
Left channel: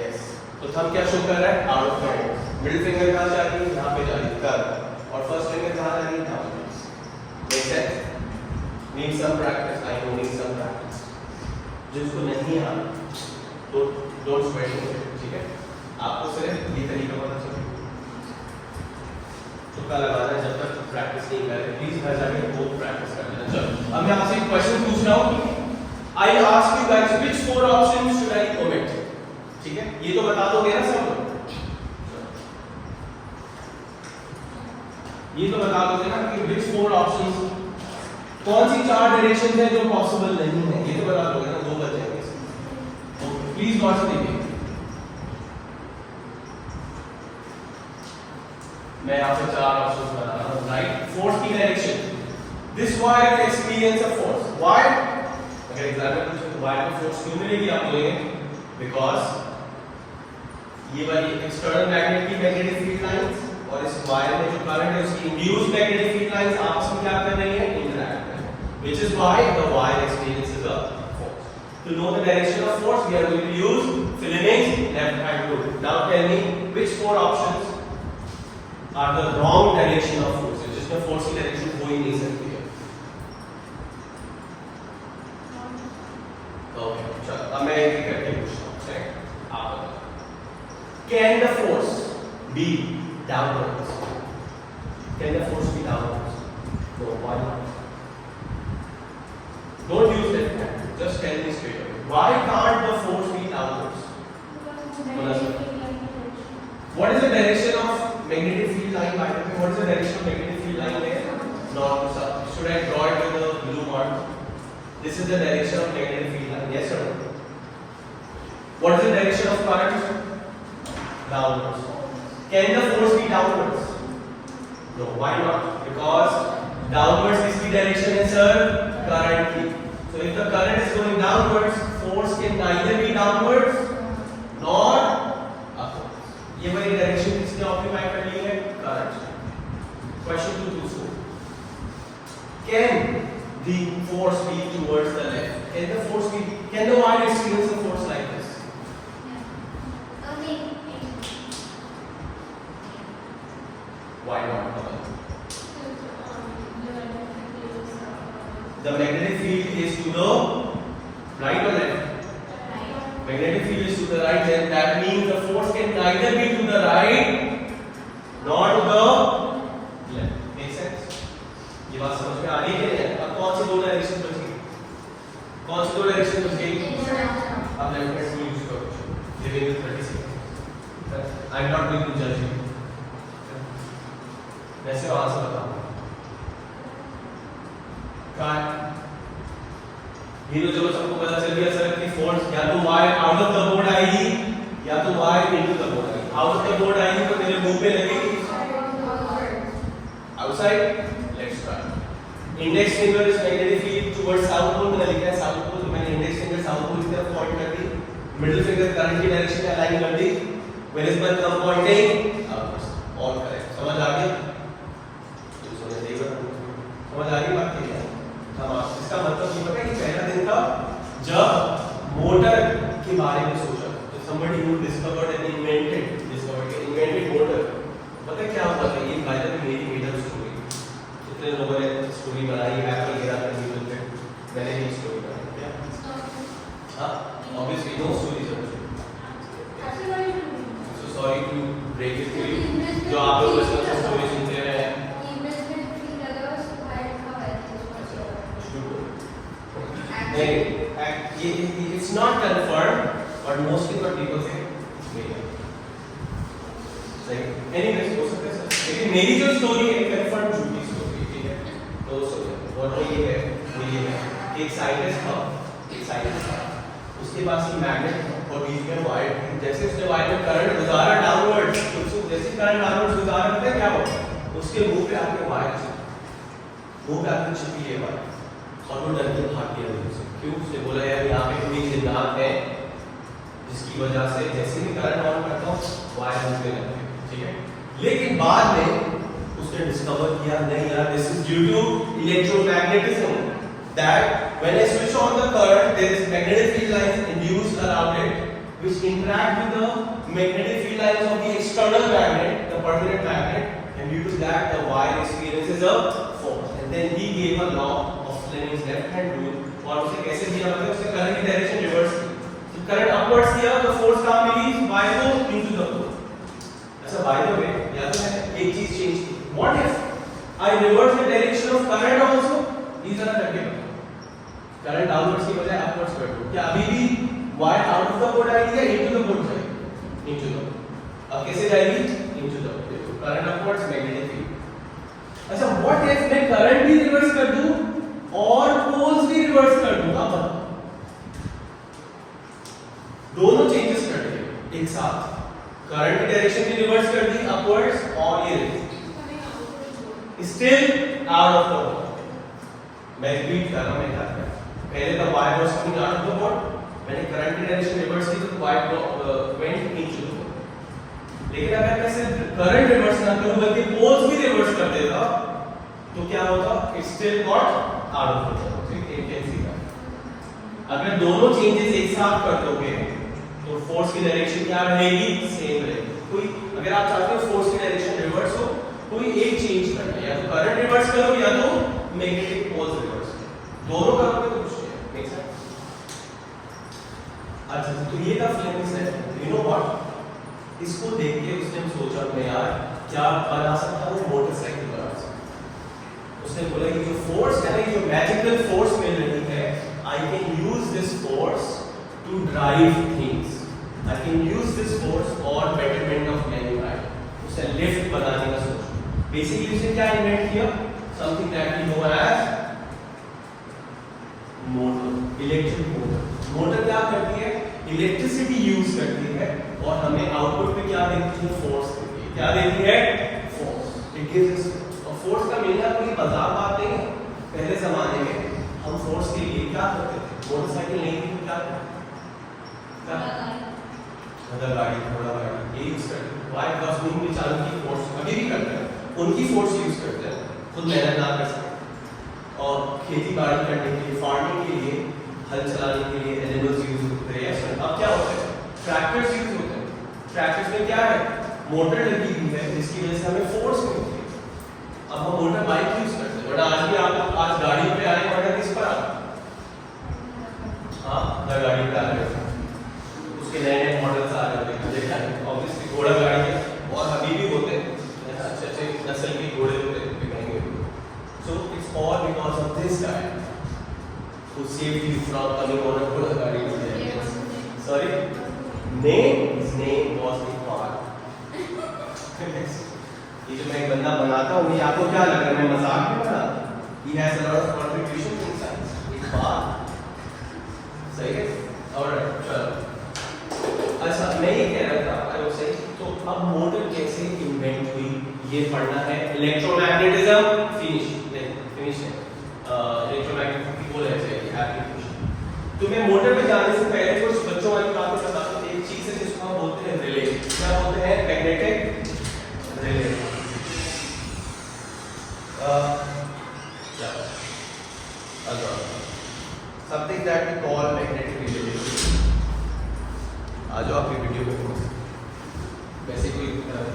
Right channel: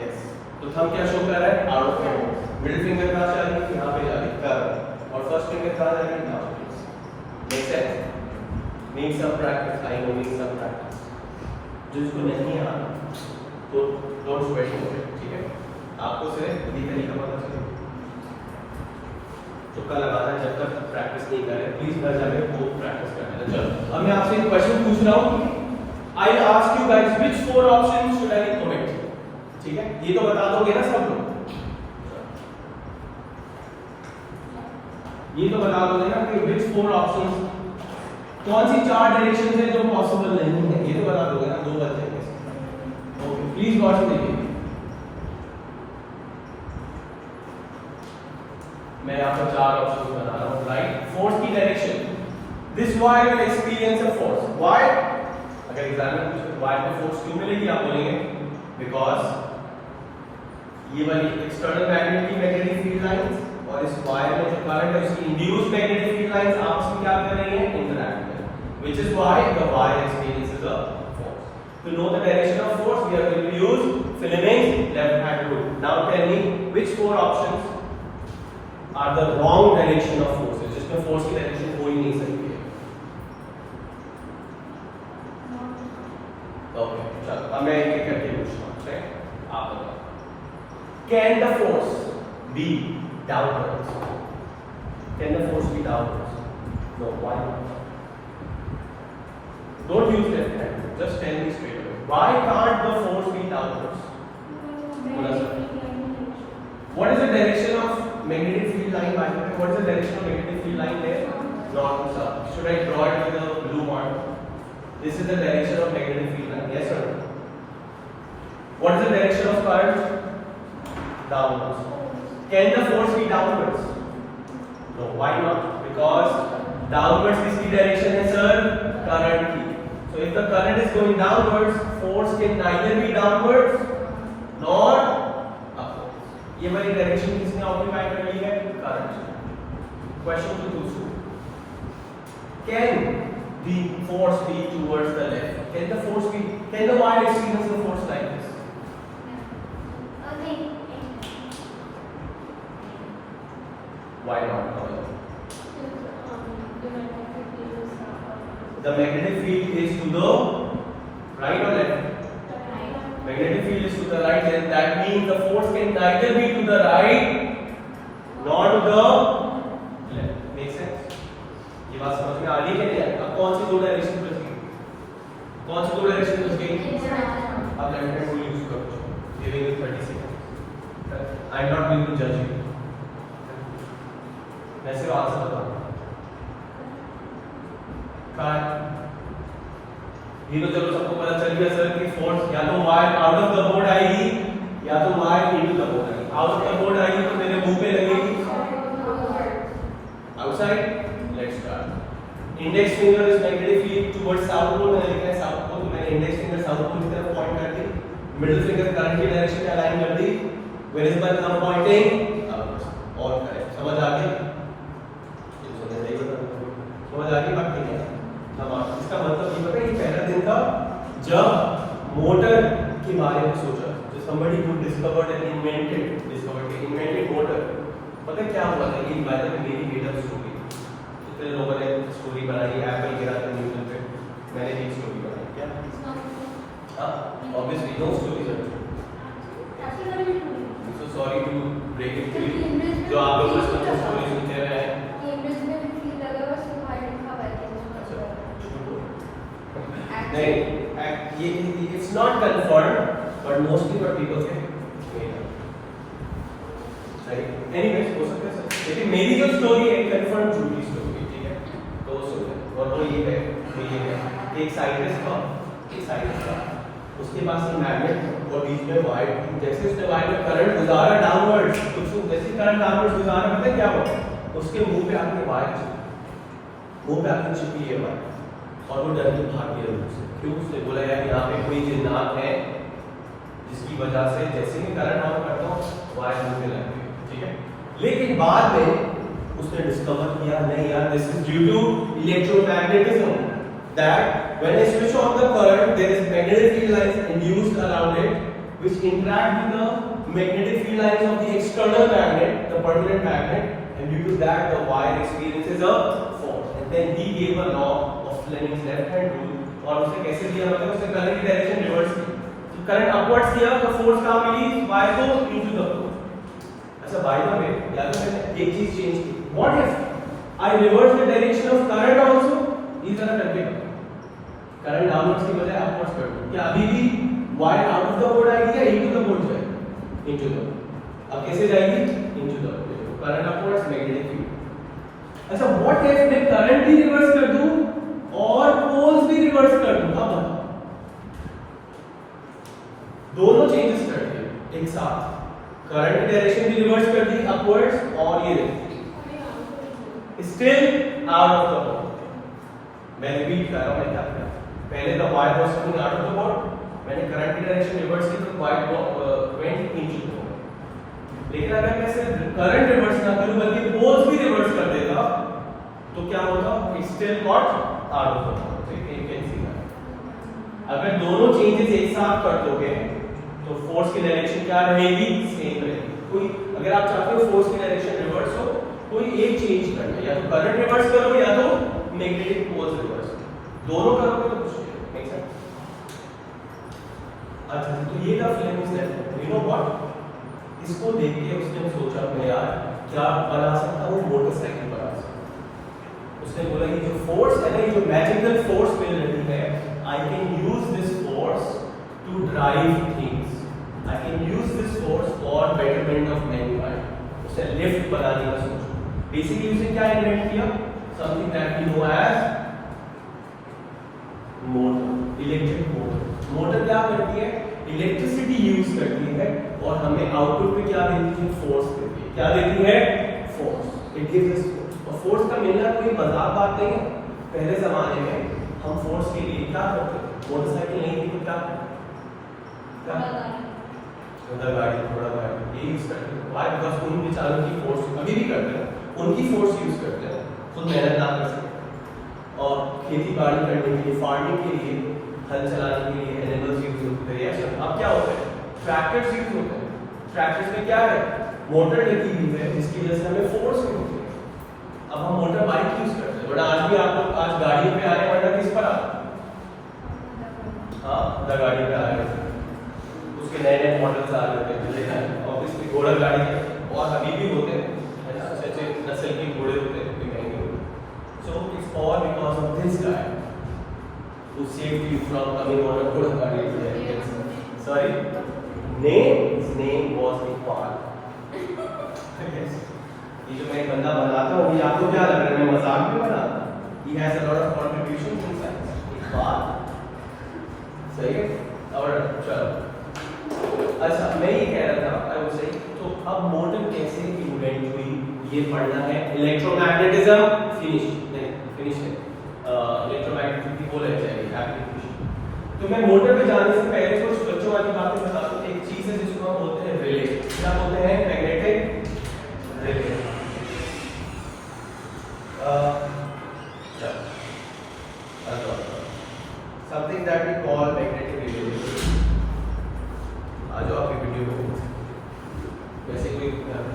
यस, तो थंब क्या शो कर रहा है? Out of hand. Middle finger कहां जा रही है? यहां पे जा रही है, कर। और फर्स्ट फिंगर कहां जा रही है? यहां पे। Make sense? Need some practice, I know need some practice. जिसको नहीं आ तो डोंट स्वेट इट, ठीक है। आपको सिर्फ ये तरीका पता चले तो कल लगाना है, जब तक प्रैक्टिस नहीं कर रहे प्लीज घर जाके खुद प्रैक्टिस कर लेना। चलो अब मैं आपसे एक क्वेश्चन पूछ रहा हूं, I ask you guys which four options should I omit, ठीक है। ये तो बता दोगे ना सब लोग, ये तो बता दोगे ना कि व्हिच फोर ऑप्शंस, कौन सी चार डायरेक्शंस है जो पॉसिबल नहीं है, ये तो बता दोगे ना, दो बचेंगे। ओके प्लीज गौर से देखिए, मैं यहाँ पर चार ऑप्शंस बता रहा हूँ, राइट। फोर्स की direction, this wire will experience a force, why? अगर एग्जाम में पूछे वायर को फोर्स क्यों मिलेगी, आप बोलेंगे बिकॉज ये वाली एक्सटर्नल मैग्नेटिक फील्ड लाइंस और इस वायर में जो करंट है उसकी इंड्यूस्ड मैग्नेटिक फील्ड लाइंस आपस में क्या कर रही हैं? इंटरैक्ट कर रही हैं, which is why the wire experiences a force. To know the direction of force, we are going to use Fleming's left-hand rule. Now tell me which four options are the wrong direction of force, जिसमें force की direction हो ही नहीं सकती है। Okay, चलो अब मैं एक करके पूछता हूँ, ठीक? आप बताओ। Can the force be downwards? Can the force be downwards? No, why not? Don't use left hand. Just tell me straight away. Why can't the force be downwards? What is the direction of magnetic field line? What is the direction of magnetic field line there? North to south. Should I draw it with a blue mark? This is the direction of magnetic field line. Yes or no? What is the direction of current? Downwards. Can the force be downwards? No. Why not? Because downwards is the direction is current की. So if the current is going downwards, force can neither be downwards nor upwards. ये वाली डायरेक्शन किसने ऑक्यूपाई कर ली है? करंट। क्वेश्चन 2 दूसरा, can the force be towards the left? Can the force be? Can the wire experience the force like this? Why not? The magnetic field is to the right or left? Magnetic field is to the right, and that means the force can neither be to the right nor to the left. Make sense? ये बात समझ में आ रही है क्या? अब कौन सी दो डायरेक्शन बची? कौन सी दो डायरेक्शन बची? अब लेफ्ट हैंड रूल यूज करो। Living with 30 seconds. I am not going to judge you. वैसे वहां से बताओ। ये तो चलो सबको पता चल गया सर कि फोर्स या तो wire out of the board आएगी या तो वायर इनटू द बोर्ड आएगी। आउट ऑफ द बोर्ड आएगी तो मेरे मुंह पे लगेगी outside. Let's start. Index finger is magnetic field towards south pole, मैंने लिखा है साउथ पोल, मैंने इंडेक्स फिंगर साउथ पोल की तरफ पॉइंट कर दी, मिडिल फिंगर करंट की डायरेक्शन में अलाइन कर दी, where is my thumb pointing upwards. All correct, समझ आ गई? समझ आ गई बात क्या? इसका मतलब ये होगा कि पहला दिन था जब मोटर के बारे में सोचा, तो somebody who discovered and invented motor, पता क्या हुआ था? ये बात है मेरी मेड अप स्टोरी, कितने लोगों ने स्टोरी बनाई है न्यूज़ पे, मैंने भी स्टोरी बनाई क्या? हाँ, obviously no stories are true. So sorry to break it to you, जो आप लोग बचपन से स्टोरी सुनते रहे हैं। It's not confirmed, but mostly what people say it's made up. Like, anyways, हो सकता है सर, लेकिन मेरी जो स्टोरी है confirmed झूठी स्टोरी, ठीक है? तो सुनो, और ये है, एक साइंटिस्ट था, उसके पास एक मैग्नेट और बीच में वायर थी। जैसे उसने वायर में करंट गुजारा डाउनवर्ड्स, तो जैसे करंट डाउनवर्ड्स गुजारा, पता है क्या हुआ? उसके मुंह पे आके वायर वो पे आपने चिपकी है वायर और वो डर के भाग गया अंदर से। क्यों? उसने बोला यार यहाँ पे कोई जिन्नात है जिसकी वजह से जैसे ही करंट ऑन करता हूँ वायर घूमने लगती है, ठीक है। लेकिन बाद में उसने डिस्कवर किया नहीं यार, this is due to electromagnetism, that when I switch on the current there is magnetic field lines induced around it which interact with the magnetic field lines of the external magnet, the permanent magnet, and due to that the wire experiences a force. And then he gave a law of Fleming's left hand rule, और उसे कैसे दिया, मतलब उसने करंट की डायरेक्शन रिवर्स की, करंट अपवर्ड्स किया तो फोर्स कहां मिली, वायर को इनटू द फ्लो। अच्छा बाय द वे याद है मैंने एक चीज चेंज की, what if I reverse the direction of current also, इस तरह करके करंट डाउनवर्ड्स की बजाय अपवर्ड्स कर दूं, क्या अभी भी wire out of the board आएगी या इनटू द बोर्ड जाएगी, इनटू द, अब कैसे जाएगी, into the current upwards magnetic field. अच्छा व्हाट इफ मैं करंट भी रिवर्स कर दूं और पोल्स भी रिवर्स कर दूं, अब दोनों चेंजेस कर दिए एक साथ, करंट की डायरेक्शन भी रिवर्स कर दी अपवर्ड्स और ये still out of the board. मैं रिपीट कर रहा हूं, मैं क्या कर, पहले the wire was coming out of the board, मैंने करंट की डायरेक्शन रिवर्स की तो wire went into the board. लेकिन अगर मैं सिर्फ करंट रिवर्स ना करूं बल्कि पोल्स भी रिवर्स कर देता तो क्या होता, it still got out of the board, ठीक है, कैन सी। अगर दोनों चेंजेस एक साथ कर दोगे तो फोर्स की डायरेक्शन क्या रहेगी, सेम रहेगी। कोई अगर आप चाहते हो फोर्स की डायरेक्शन रिवर्स हो, कोई एक चेंज करना है, या तो करंट रिवर्स करो या तो मैग्नेटिक पोल्स रिवर्स, दोनों करोगे तो कुछ नहीं मेक सेंस। अच्छा तो ये था Fleming's law, you know what, इसको देख के उसने सोचा मैं यार क्या बना सकता हूँ, मोटरसाइकिल बना सकता हूँ। उसने बोला कि जो फोर्स है ना, ये जो मैजिकल फोर्स मिल रही है, I can use this force to drive things, I can use this force for betterment of mankind. उसे लिफ्ट बनाने का सोचा। बेसिकली उसने क्या इन्वेंट किया, something that we know as motor, electric motor. Motor क्या करती है, इलेक्ट्रिसिटी यूज करती है और हमें आउटपुट पे क्या देती है, फोर्स देती है। क्या देती है, force, it gives us force. और फोर्स का मिलना कोई मजाक बात नहीं है। पहले जमाने में हम फोर्स के लिए क्या करते थे, मोटरसाइकिल नहीं थी तो क्या गाड़ी, घोड़ा गाड़ी ये यूज करते थे। वाई, बिकॉज़ उन बेचारों की फोर्स अभी भी करते हैं, उनकी फोर्स यूज करते हैं, खुद मेहनत ना कर सके। और खेती बाड़ी करने के लिए, फार्मिंग के लिए, हल चलाने के लिए एनिमल्स यूज होते थे। अब क्या होता है, ट्रैक्टर्स यूज होते हैं। ट्रैक्टर्स में क्या है, मोटर लगी हुई है जिसकी वजह से हमें फोर्स मिलती है। अब हम मोटर बाइक यूज करते हैं, वरना आज भी आप लोग आज गाड़ी पे आए, वरना किस पर आए, हाँ द गाड़ी पे आ रहे हैं, उसके नए नए मॉडल्स आ रहे हैं, ऑब्वियसली घोड़ा गाड़ी है, और अभी भी होते हैं अच्छे अच्छे नस्ल के घोड़े होते हैं महंगे। So it's all because of this guy who saved you from coming on a Ghoda Gadi. Sorry? His name was Iqbal. Yes. ये जो मैं गंदा बनाता हूँ, ये आपको क्या लग रहा है, मैं मजाक में बना? He has a lot of contributions in science. Iqbal. सही है? और चलो। अच्छा मैं ये कह रहा था, I was saying, तो अब मोटर कैसे इन्वेंट हुई, ये पढ़ना है। इलेक्ट्रोमैग्नेटिज्म फिनिश है। इलेक्ट्रोमैग्नेटिज्म की बोले चाहिए एप्लीकेशन। तो मैं मोटर पे जाने से पहले कुछ बच्चों वाली बातें बता दूं। एक चीज है जिसको हम बोलते हैं रिले। क्या बोलते हैं, magnetic relay. Something that we call magnetic relay. आज आपकी वीडियो में वैसे कोई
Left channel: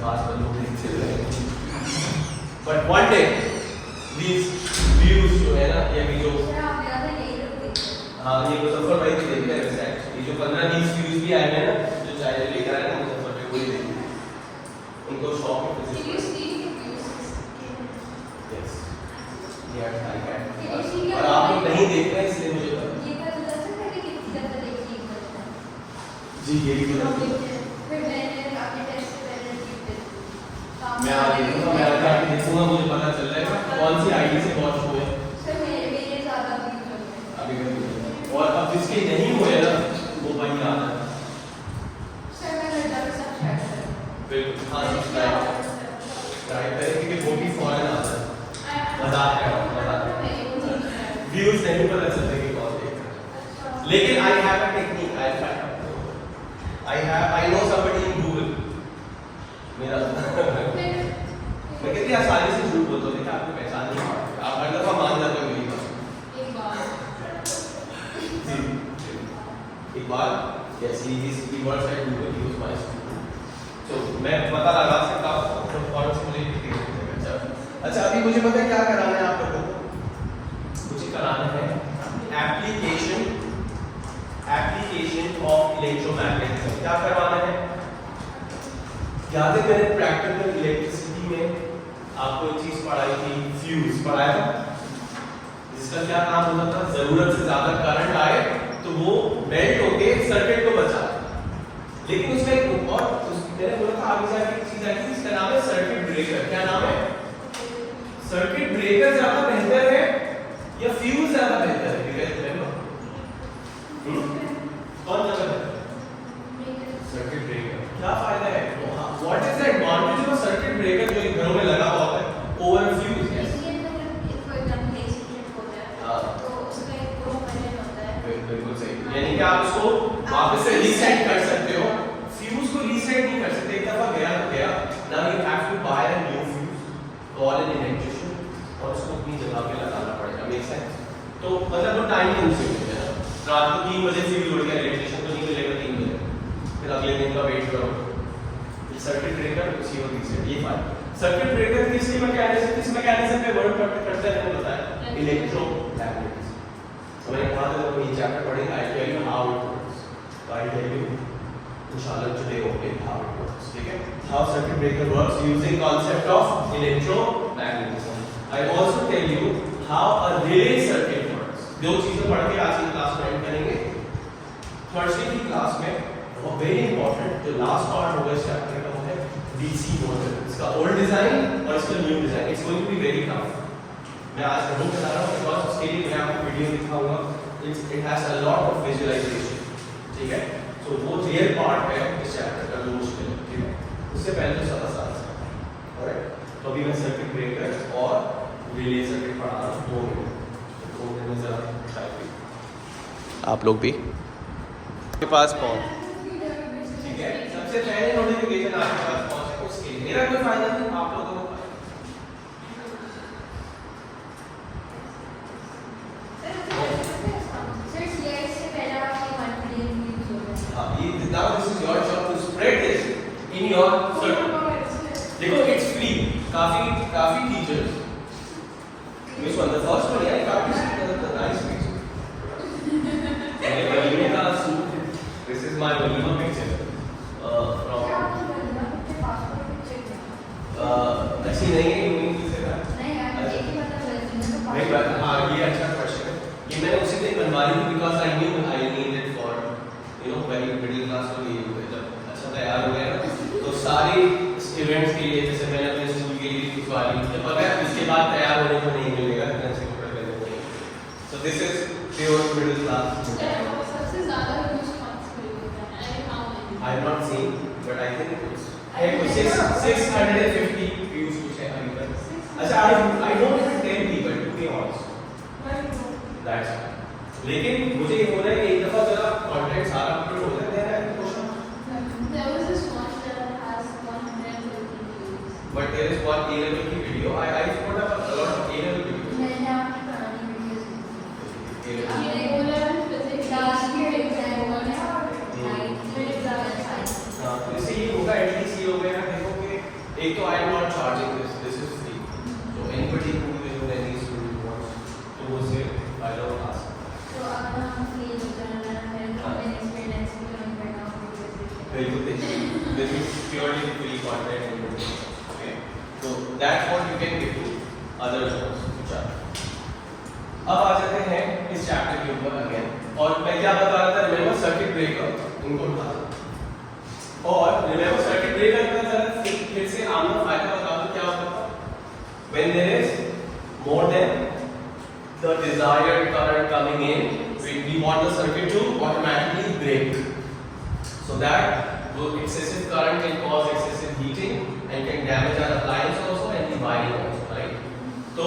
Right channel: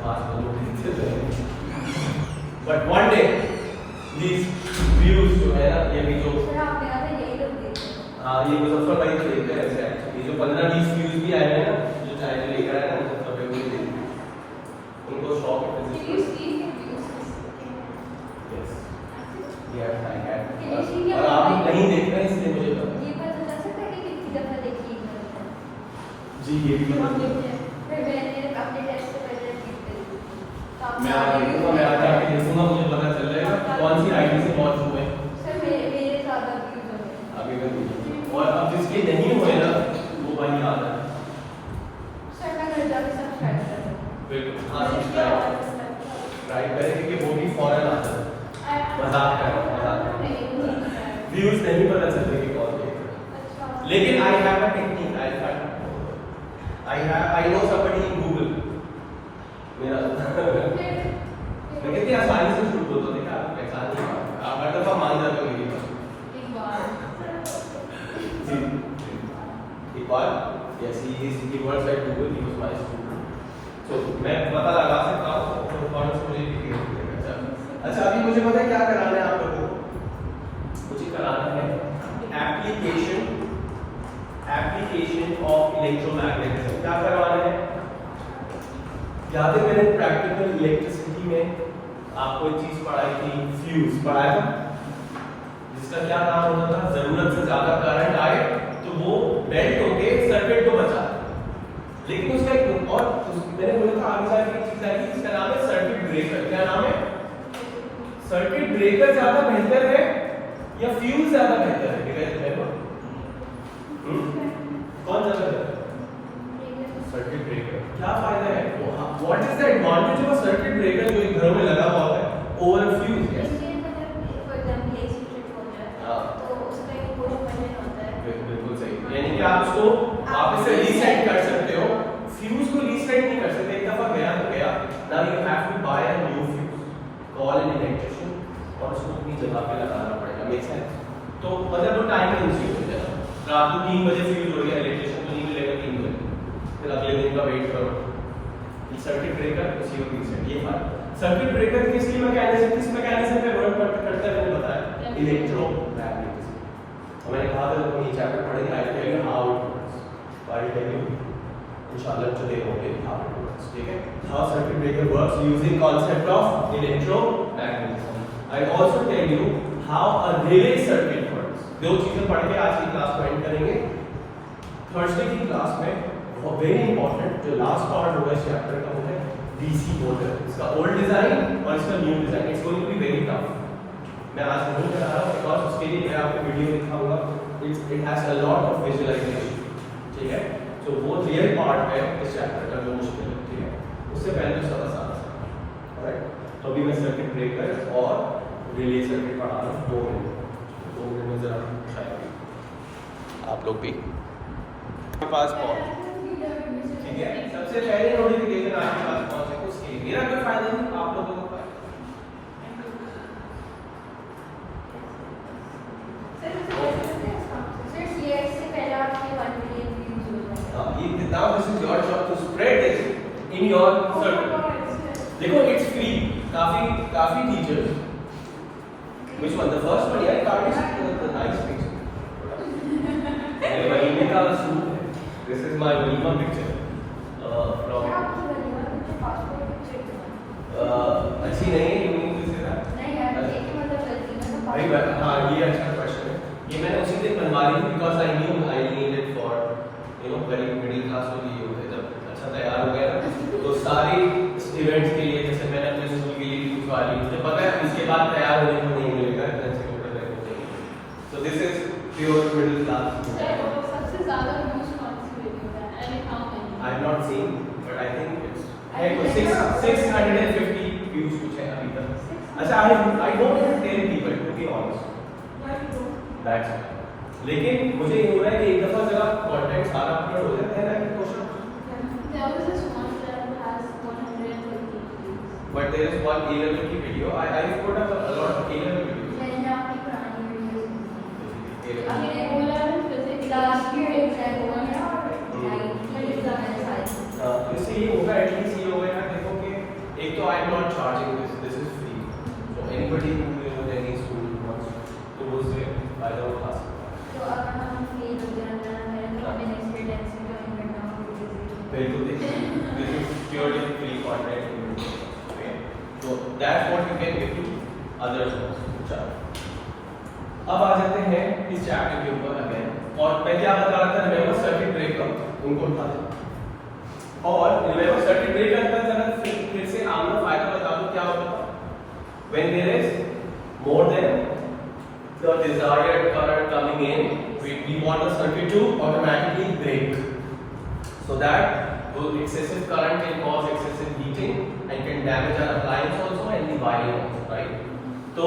खास बंदूक नहीं, but one day these views जो है ना, ये भी जो हाँ ये मुजफ्फर भाई तो देखते हैं वैसे, ये जो 15-20 व्यूज भी आए हैं ना, जो चाइना लेकर आए ना मुजफ्फर भाई, वही देखते, उनको शौक है और आप लोग नहीं देख रहे हैं इसलिए मुझे पता जी। ये भी मैं आज देखूंगा, मैं आज आके देखूंगा, मुझे पता चल जाएगा कौन सी आईडी से वॉच हुए अभी भी। और अब जिसके नहीं हुए ना वो भाई याद है बिल्कुल, हाँ सब्सक्राइब करें क्योंकि वो भी फौरन आता है। मजाक कर रहा हूँ, व्यूज नहीं पता चलते कि कौन देख रहा है। लेकिन I have a technique, I know somebody in Google. मेरा मैं कितनी आसानी से झूठ बोलता हूँ, देखा आपने पहचान नहीं पाते, आप हर दफा मान जाते हो मेरी बात। एक बार yes he works at Google, he was my student, so मैं पता लगा सकता हूँ कौन सी मुझे अच्छा अभी मुझे पता है क्या कराना है आप लोगों को। मुझे कराना है एप्लीकेशन ऑफ इलेक्ट्रोमैग्नेटिज्म। क्या करवाना है? याद है मैंने प्रैक्टिकल इलेक्ट्रिसिटी में आपको एक चीज पढ़ाई थी, फ्यूज पढ़ाया था, जिसका क्या काम होता था, जरूरत से ज्यादा करंट आए तो वो मेल्ट होके सर्किट को बचा दे। लेकिन उसका एक और मैंने बोला था आगे जाके एक चीज आई थी जिसका नाम है सर्किट ब्रेकर। क्या नाम है? सर्किट ब्रेकर ज्यादा बेहतर है या फ्यूज ज्यादा बेहतर है? कौन ज्यादा बेहतर? Circuit breaker. क्या फायदा है? What is the advantage of a circuit breaker जो घरों में लगा हुआ है ओवर अ फ्यूज? बिल्कुल सही, यानी कि आप उसको वापस से रीसेट कर सकते हो। फ्यूज को रीसेट नहीं कर सकते, एक दफा गया तो गया। Now you have to buy a new fuse, call an electrician और उसको अपनी जगह पे लगाना पड़ेगा। Make sense? तो मतलब वो टाइम कंज्यूम है ना। रात को 3 बजे से भी उड़ गया इलेक्ट्रिशियन तो नहीं मिलेगा 3 बजे, फिर अगले दिन का वेट करो। सर्किट ब्रेकर उसी को रीसेट। ये बात सर्किट ब्रेकर किस मैकेनिज्म पे वर्क करता है वो बताया, इलेक्ट्रोमैग्नेटिज्म। मैंने कहा था जब ये चैप्टर पढ़ेंगे I tell you how it works, I tell you इंशाल्लाह today only how it works. ठीक है, how circuit breaker works using concept of electromagnetism. I also tell you how a relay circuit works. दो चीजें पढ़ के आज की क्लास को एंड करेंगे। थर्सडे की क्लास में बहुत वेरी इंपॉर्टेंट जो लास्ट पार्ट होगा इस चैप्टर का वो है डीसी मोटर, इसका ओल्ड डिजाइन और इसका new design. It's going to be very tough. मैं आज नहीं बता रहा हूँ बिकॉज़ उसके लिए मैं आपको वीडियो दिखाऊंगा। It has a lot of visualisation. ठीक है, तो वो रियल पार्ट है इस चैप्टर का जो मुश्किल है। ठीक है, उससे पहले तो सब आसान है। ऑलराइट, तो अभी मैं सर्किट ब्रेकर और रिले सर्किट पढ़ा रहा हूँ 2 मिनट में जरा आप लोग भी के पास पहुंच। ठीक है, सबसे पहले नोटिफिकेशन आपके पास पहुंचे उसके लिए मेरा कोई फायदा नहीं, आप लोगों को now this is your job to spread this in your circle. देखो it's free, काफी teachers which one the first one yeah काफी the nice picture मेरे वलीमे का सूट है, this is my walima picture from अच्छी नहीं है इंग्लिश से ना नहीं हाँ ये अच्छा क्वेश्चन है, ये मैंने उसी दिन बनवा ली because I knew I need it for very middle class के लिए जब अच्छा तैयार हो गया तो सारी इवेंट्स के लिए जैसे मैंने अपने स्कूल के लिए भी कुछ वाली मुझे पता है इसके बाद तैयार होने को नहीं मिलेगा अच्छे कपड़े पहनने को। So this is pure middle class. सबसे ज्यादा I have not seen but I think it's 650 views कुछ है अभी तक। अच्छा I don't even tell people to be honest that's लेकिन मुझे ये हो रहा है कि एक दफा जरा कंटेंट सारा अपलोड हो जाता है ना question but there is one A level की video I put up a lot of A level videos मैंने आपकी पुरानी वीडियोस देखी मैंने बोला ना फिजिक्स लास्ट ईयर एग्जाम हुआ है हां तो इससे ये होगा एटलीस्ट ये हो गया ना देखो कि एक तो I am not charging this is free so anybody who will know any student works तो वो से फायदा उठा सकता है। This is purely free content. Okay, so that's what you can get to other jobs. अब आ जाते हैं इस चैप्टर के ऊपर अगेन और मैं क्या बता रहा था रिमेंबर सर्किट ब्रेकर उनको उठा दो और रिमेंबर सर्किट ब्रेकर का फिर से हम लोग फायदा बता दो क्या होता है when there is more than the desired current coming in we want the circuit to automatically break so that the excessive current can cause excessive heating and can damage our appliance also and the wiring also, right? तो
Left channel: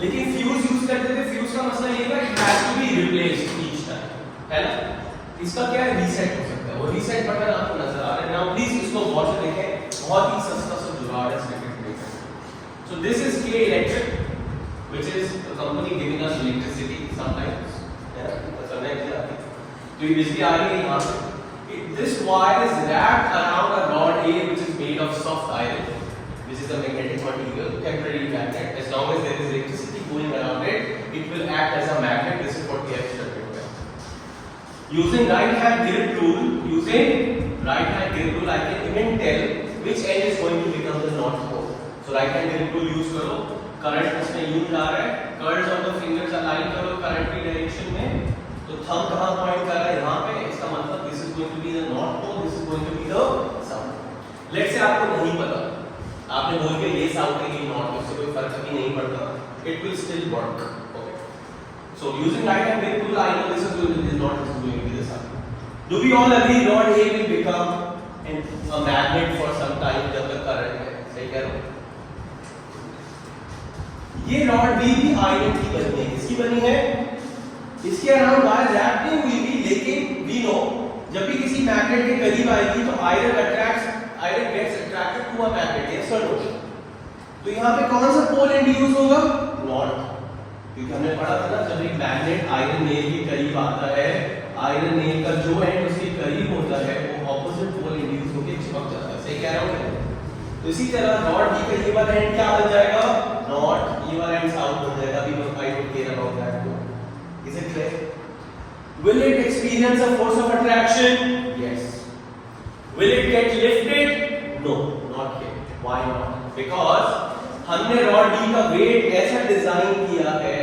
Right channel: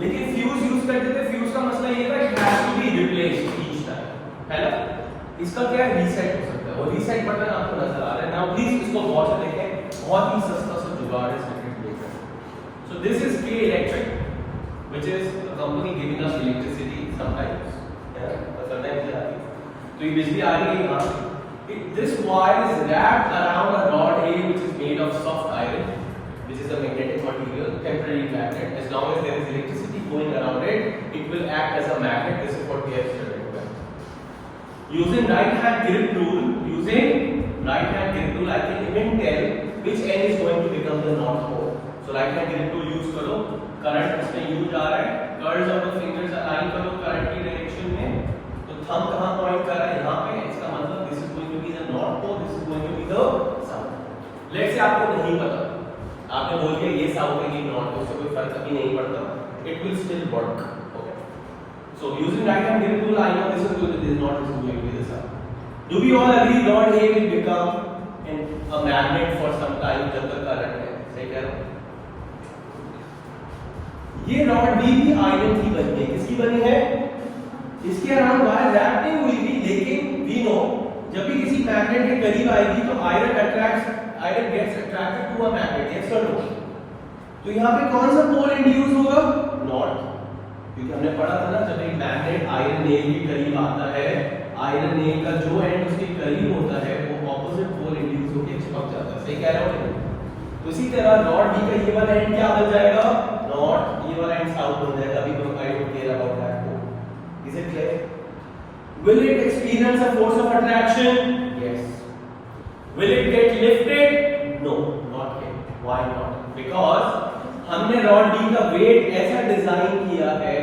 लेकिन फ्यूज यूज करते थे फ्यूज का मसला ये था it has to be replaced each time, है ना? इसका क्या है, रीसेट हो सकता है, और रीसेट बटन आपको नजर आ रहा है। नाउ प्लीज इसको गौर से देखें, बहुत ही सस्ता सा जुगाड़ है circuit breaker. So this is K Electric which is a company giving us electricity sometimes, है ना? तो समझ में आती है। तो ये बिजली आ रही है यहां, this wire is wrapped around a rod A which is made of soft iron. This is a magnetic material, temporary magnet. As long as there is electricity going around it, it will act as a magnet. This is what we have studied. Using right hand grip tool, I can even tell which end is going to become the knot hole. So right hand grip tool use करो, current इसमें use आ रहा है, curls of the fingers align करो current की direction में, तो thumb कहाँ point कर रहा है, यहाँ पे, इसका मतलब this is going to be the knot hole, this is going to be the sound. Let's say आपको नहीं पता, आपने बोल के ये sound के लिए knot, उससे कोई फर्क अभी नहीं पड़ता, it will still work. Okay. So using right hand grip tool, I know this is going to be the knot, this is going to be the sound. Do we all agree rod A will become a magnet for some time जब तक current है? सही कह रहा हूँ? ये रॉड B भी आयरन की बनी है, किसकी बनी है? इसके अराउंड वायर रैप नहीं हुई भी, लेकिन वी नो जब भी किसी मैग्नेट के करीब आएगी तो iron gets attracted to a magnet, yes और नो? तो यहाँ पे कौन सा पोल इंड्यूस होगा? नॉट, क्योंकि हमने पढ़ा था ना जब एक मैग्नेट आयरन नेल के करीब आता है, आयरन नेल का जो एंड उसके करीब होता है वो ऑपोजिट पोल इंड्यूस होकर चिपक जाता है। सही कह रहा हूँ? तो इसी तरह रॉड B का ये वाला एंड क्या बन जाएगा? नॉट, ये वाला एंड साउथ बन जाएगा। अभी I don't care about that. Is it clear? Will it experience a force of attraction? Yes. Will it get lifted? No, not yet. Why not? Because हमने रॉड B का वेट ऐसा डिजाइन किया है,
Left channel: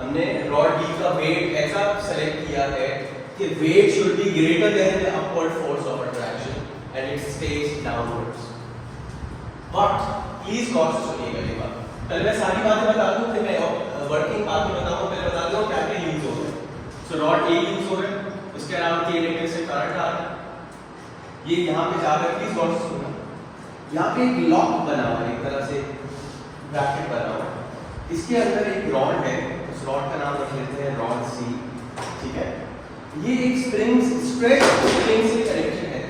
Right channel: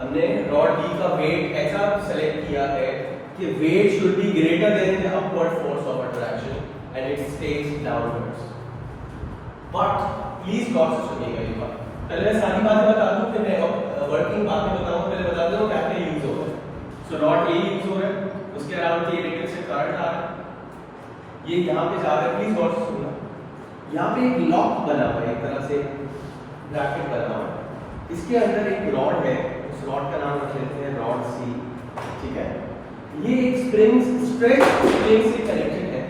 हमने रॉड B का वेट ऐसा सेलेक्ट किया है कि weight should be greater than the upward force of attraction and it stays downwards. But please गौर से सुनिएगा ये बात। पहले मैं सारी बातें बता दूं, फिर मैं वर्किंग बातें बताऊंगा, फिर बता दूं क्या क्या यूज हो रहा है। सो रॉड A यूज हो रहा है, उसके अलावा के इलेक्ट्रिसिटी करंट आ रहा है, ये यहाँ पे जाकर प्लीज गौर से सुनना। यहाँ पे एक लॉक बना हुआ है, एक तरह से ब्रैकेट बना हुआ है, इसके अंदर एक रॉड है, उस रॉड का नाम रख लेते हैं रॉड C, ठीक है? ये एक स्ट्रेच स्प्रिंग से कनेक्टेड है।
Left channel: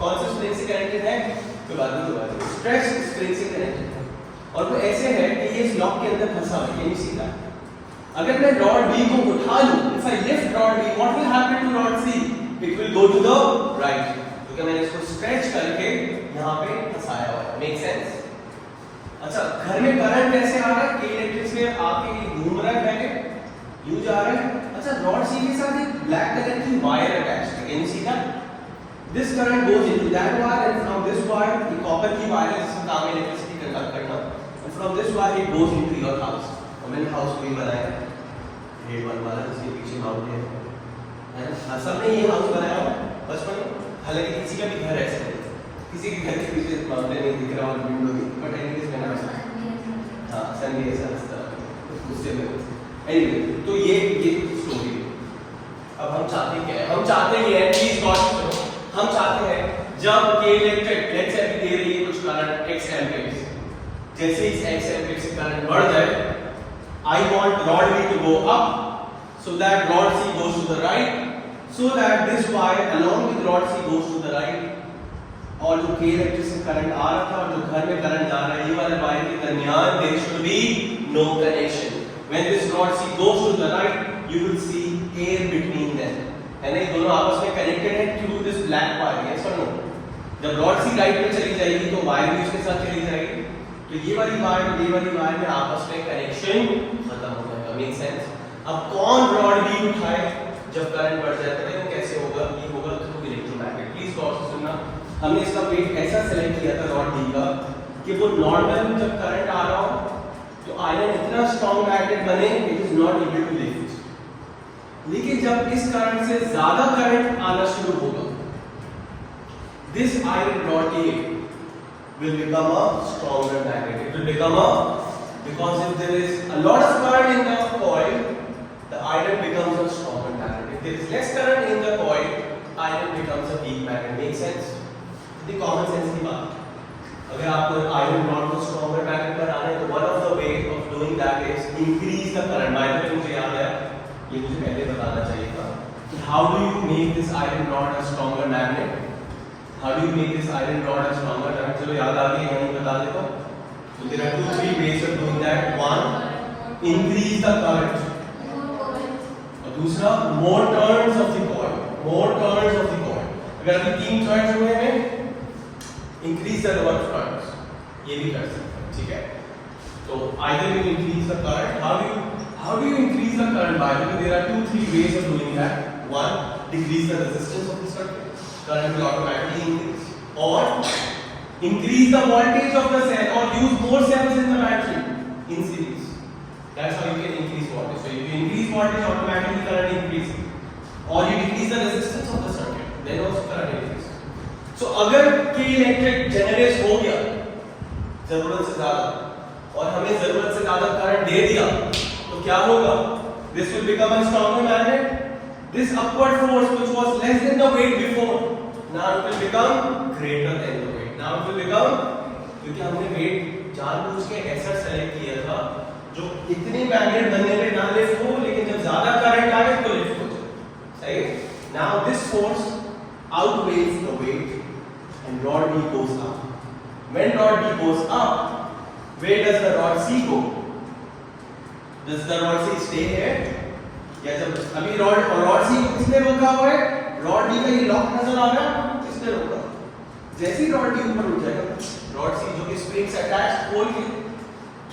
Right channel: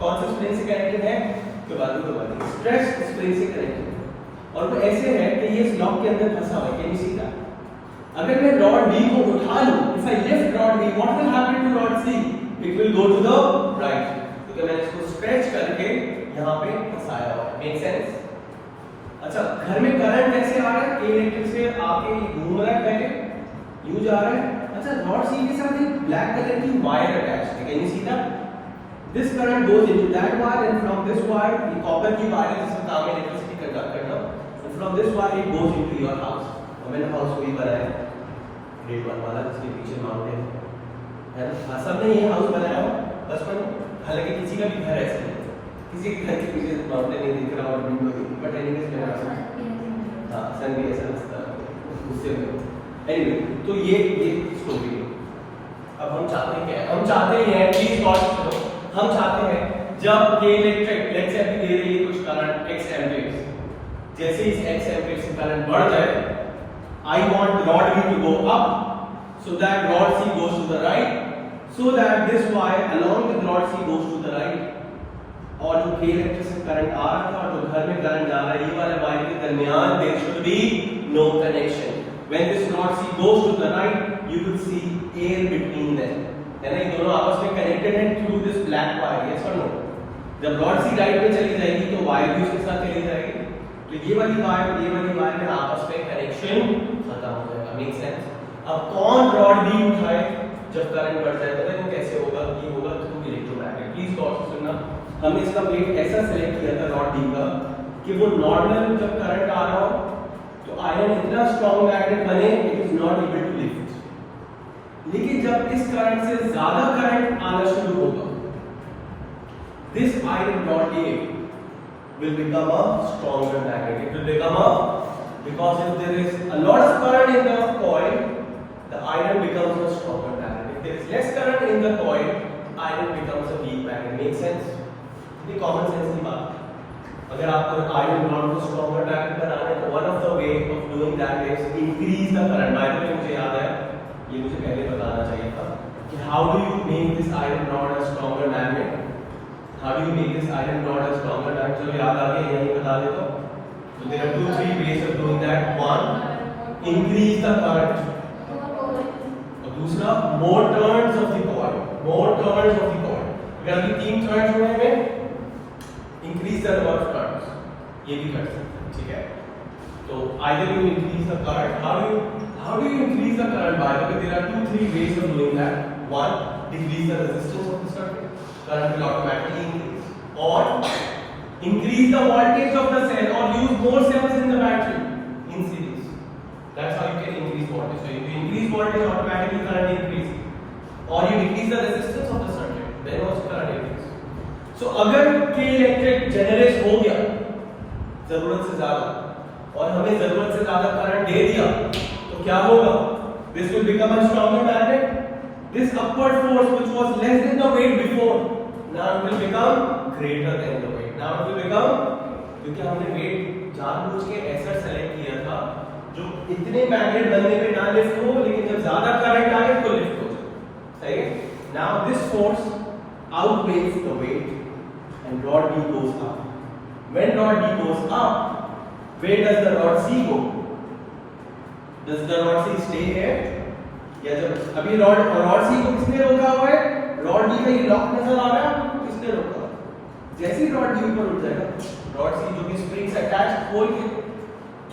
कौन सा स्प्रिंग से कनेक्टेड है? तो बाद में स्ट्रेच स्प्रिंग से कनेक्टेड है, और वो ऐसे है कि ये इस लॉक के अंदर फंसा हुआ है, ये सीधा। अगर मैं रॉड B को उठा लूं, if I lift rod B, what will happen to rod C? It will go to the right, क्योंकि मैंने इसको स्ट्रेच करके यहाँ पे फंसाया हुआ है। Make sense? अच्छा, घर में करंट कैसे आ रहा है? के इलेक्ट्रिक से आके घूम रहा है, पहले यूज आ रहा है। अच्छा, रॉड C के साथ एक ब्लैक कलर की वायर अटैच्ड है, can you see that? This current goes into that wire, and from this wire, the copper की वायर जिससे काम है इलेक्ट्रिसिटी कंडक्ट करना, and from this wire it goes into your house। मैंने हाउस को ही बनाया, रेड बनवाया, इसके पीछे माउंटेन है, हाँ सबने ये हाउस बनाया बचपन में। हालांकि किसी का भी घर ऐसा नहीं, किसी के घर के पीछे माउंटेन नहीं दिख रहा और विंडो भी, बट एनीवेज मैंने हाँ सन भी ऐसा दिखता है उससे भी। एनीवे, तो ये स्टोरी है। अब हम चाहते क्या है? हम चाहते हैं, प्लीज गौर करो, हम चाहते हैं जब के इलेक्ट्रिक लेट्स से अभी दे रही है कुछ करंट x एम्पीयर, जैसे इस x एम्पीयर से करंट बढ़ जाए, I want rod B to go up so that rod C goes to the right, so that this wire along with rod C goes to the right, और जो के इलेक्ट्रिक से करंट आ रहा था और जो घर में करंट जा रहा है, ये वाले वायर के दरमियान there should be no connection. When this rod C goes to the right, you will see air between them. है ना, ये दोनों आपस में कनेक्टेड हैं through this black wire, yes और नो? जब रॉड C राइट में चली जाएगी तो वायर भी उसके साथ चली जाएगी, तो ये वाली वायर में आपस में कनेक्शन खत्म हो जाएगा। Make sense? अब कौन रॉड B उठाए जब करंट बढ़ जाता है? वो कैसे होगा? ये होगा थ्रू इलेक्ट्रोमैग्नेट। प्लीज गौर से सुनना, हमने इसका वेट ऐसा सेलेक्ट किया था रॉड B का कि वो नॉर्मल जब करंट आ रहा हो तो आयरन इतना स्ट्रॉन्ग मैग्नेट बने it is not able to lift, लेकिन जब इस करंट से ज्यादा करंट आना शुरू होगा, this iron rod A will become a stronger magnet. It will become a, because if there is a lot of current in the coil, the iron becomes a stronger magnet. If there is less current in the coil, iron becomes a weak magnet. Make sense? The common sense की बात। अगर आपको आयरन रॉड को स्ट्रॉन्गर मैग्नेट बनाना है तो one of the way of doing that is increase the current. By the way मुझे याद है, ये मुझे पहले बताना चाहिए था कि how do you make this iron rod a stronger magnet. How do you make this iron rod a stronger magnet? चलो याद आ गया, यही बता देता हूं। So there are 2-3 ways of doing that. One, increase the current. और दूसरा, more turns of the coil. More turns of the coil. अगर अभी 3 turns हुए हैं, increase the number of turns. ये भी कर सकते हैं, ठीक है? तो either you increase the current. How do you increase the current? By the way, there are 2-3 ways of doing that. One, decrease the resistance of the circuit. Current will automatically increase. Or increase the voltage of the cell or use more cells in the battery in series. That's how you can increase voltage. So if you increase voltage, automatically current increases. Or you decrease the resistance of the circuit, then also current increases. So अगर K इलेक्ट्रिक जनरेट हो गया जरूरत से ज्यादा और हमें जरूरत से ज्यादा करंट दे दिया तो क्या होगा? This will become a stronger magnet. This upward force which was less than the weight before, now it will become greater than the weight. Now it will become, क्योंकि हमने वेट जानबूझ के ऐसा सेलेक्ट किया था जो इतने मैग्नेट बनने पे ना लिफ्ट हो, लेकिन जब ज्यादा करंट आए तो लिफ्ट हो जाए। सही? Now this force outweighs the weight and rod B goes up. When rod B goes up, where does the rod C go? Does the rod C stay here? या जब अभी रॉड C को किसने रोका हुआ है? रॉड D का ये लॉक नजर आ रहा है, किसने रोका? जैसे ही रॉड D ऊपर उठ जाएगा, रॉड C जो कि स्प्रिंग से अटैच खोल के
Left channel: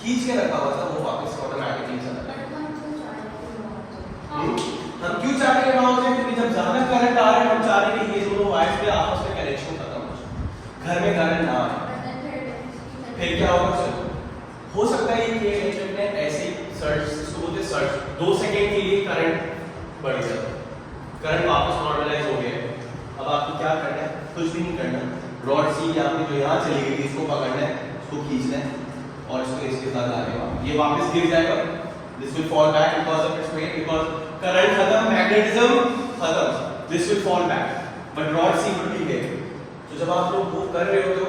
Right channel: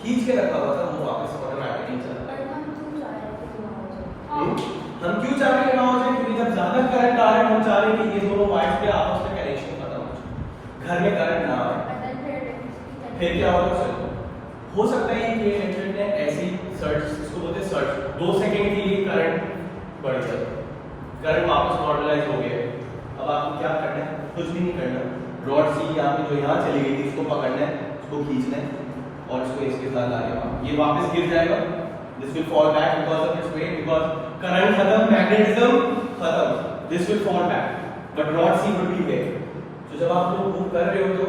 खींच के रखा हुआ था, वो वापस कॉर्नर आके नहीं चलता है। हम क्यों चाहते हैं वहां हो जाए? क्योंकि जब ज्यादा करंट आ रहा है, हम चाह रहे हैं कि ये दोनों वायर्स पे आपस में कनेक्शन खत्म हो जाए, घर में करंट ना आए। फिर क्या होगा? हो सकता है कि इलेक्ट्रिक ने ऐसी सर्ज, इसको बोलते हैं सर्ज, 2 सेकंड के लिए करंट बढ़ जाए, करंट वापस नॉर्मलाइज हो गया। अब आपको क्या करना है? कुछ भी नहीं करना। रॉड सी आपने जो यहाँ चली गई थी, इसको पकड़ना है, इसको खींचना है और इसको इसके साथ लाना है। ये वापस गिर जाएगा। This will fall back because of its weight, because current खत्म, मैग्नेटिज्म खत्म। This will fall back, but rod C will be here. तो जब आप लोग मूव कर रहे हो तो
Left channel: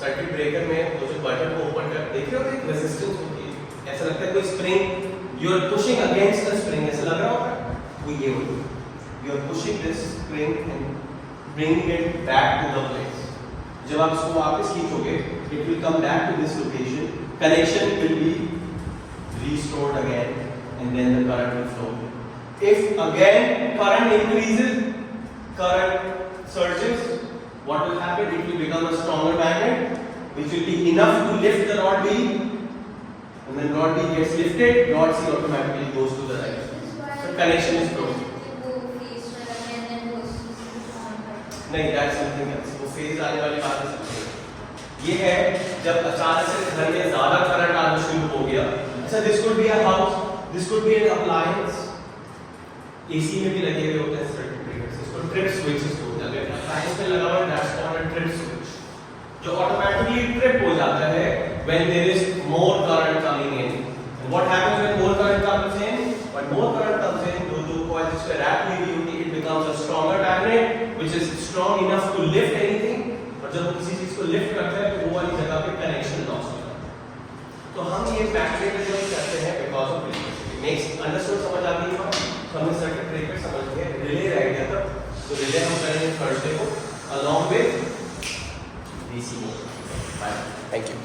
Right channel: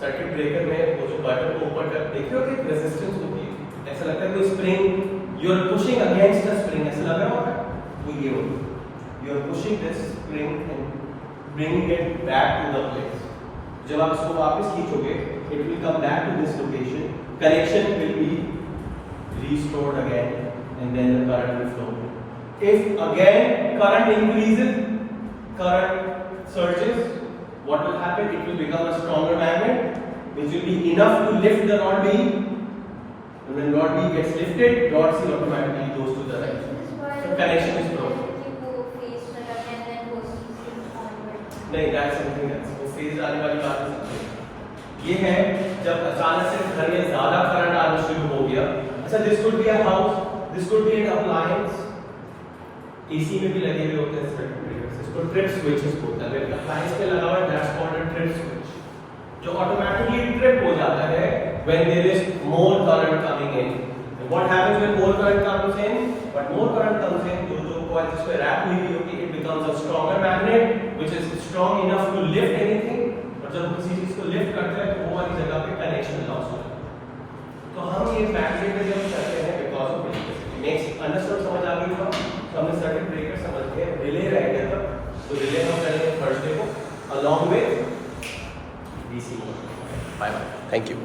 सर्किट ब्रेकर में वो जो बटन को ओपन कर देख रहे हो, एक रेजिस्टेंस होती है, ऐसा लगता है कोई spring, you are pushing against the spring, ऐसा लग रहा होगा। तो ये होगा, you are pushing this spring and bringing it back to the place. जब आप इसको वापस खींचोगे, it will come back to this location. Connection will be restored again, and then the current will flow. If again current increases, current surges, what will happen? It will become a stronger magnet, which will be enough to lift the rod B. When rod B gets lifted, rod C automatically goes to the right. So connection is broken. नहीं, that's something else. वो फेज आने वाली बात नहीं। ये है जब अचानक से घर में ज्यादा करंट आना शुरू हो गया। अच्छा, this could be a house, this could be an appliance. AC में भी लगे हुए होते हैं सर्किट ब्रेकर्स, इसको ट्रिप स्विचेस बोलते हैं। अगर अप्लायंस पे लगा हुआ that's called a trip switch, जो ऑटोमेटिकली ट्रिप हो जाता है when there is more current coming in. And what happens when more current comes in? When more current comes in, जो coils इस पे wrap हुई होती है, it becomes a stronger magnet which is strong enough to lift anything. और जब किसी चीज को लिफ्ट करता है तो वो वाली जगह पे कनेक्शन लॉस होता है। तो हम ये मैग्नेट जब करते हैं because of electricity. Next understood, समझ आ गई? हमने सर्किट ब्रेकर समझ गए, रिले रह गया था, तो रिले हम करेंगे थर्सडे को along with DC motor. Thank you.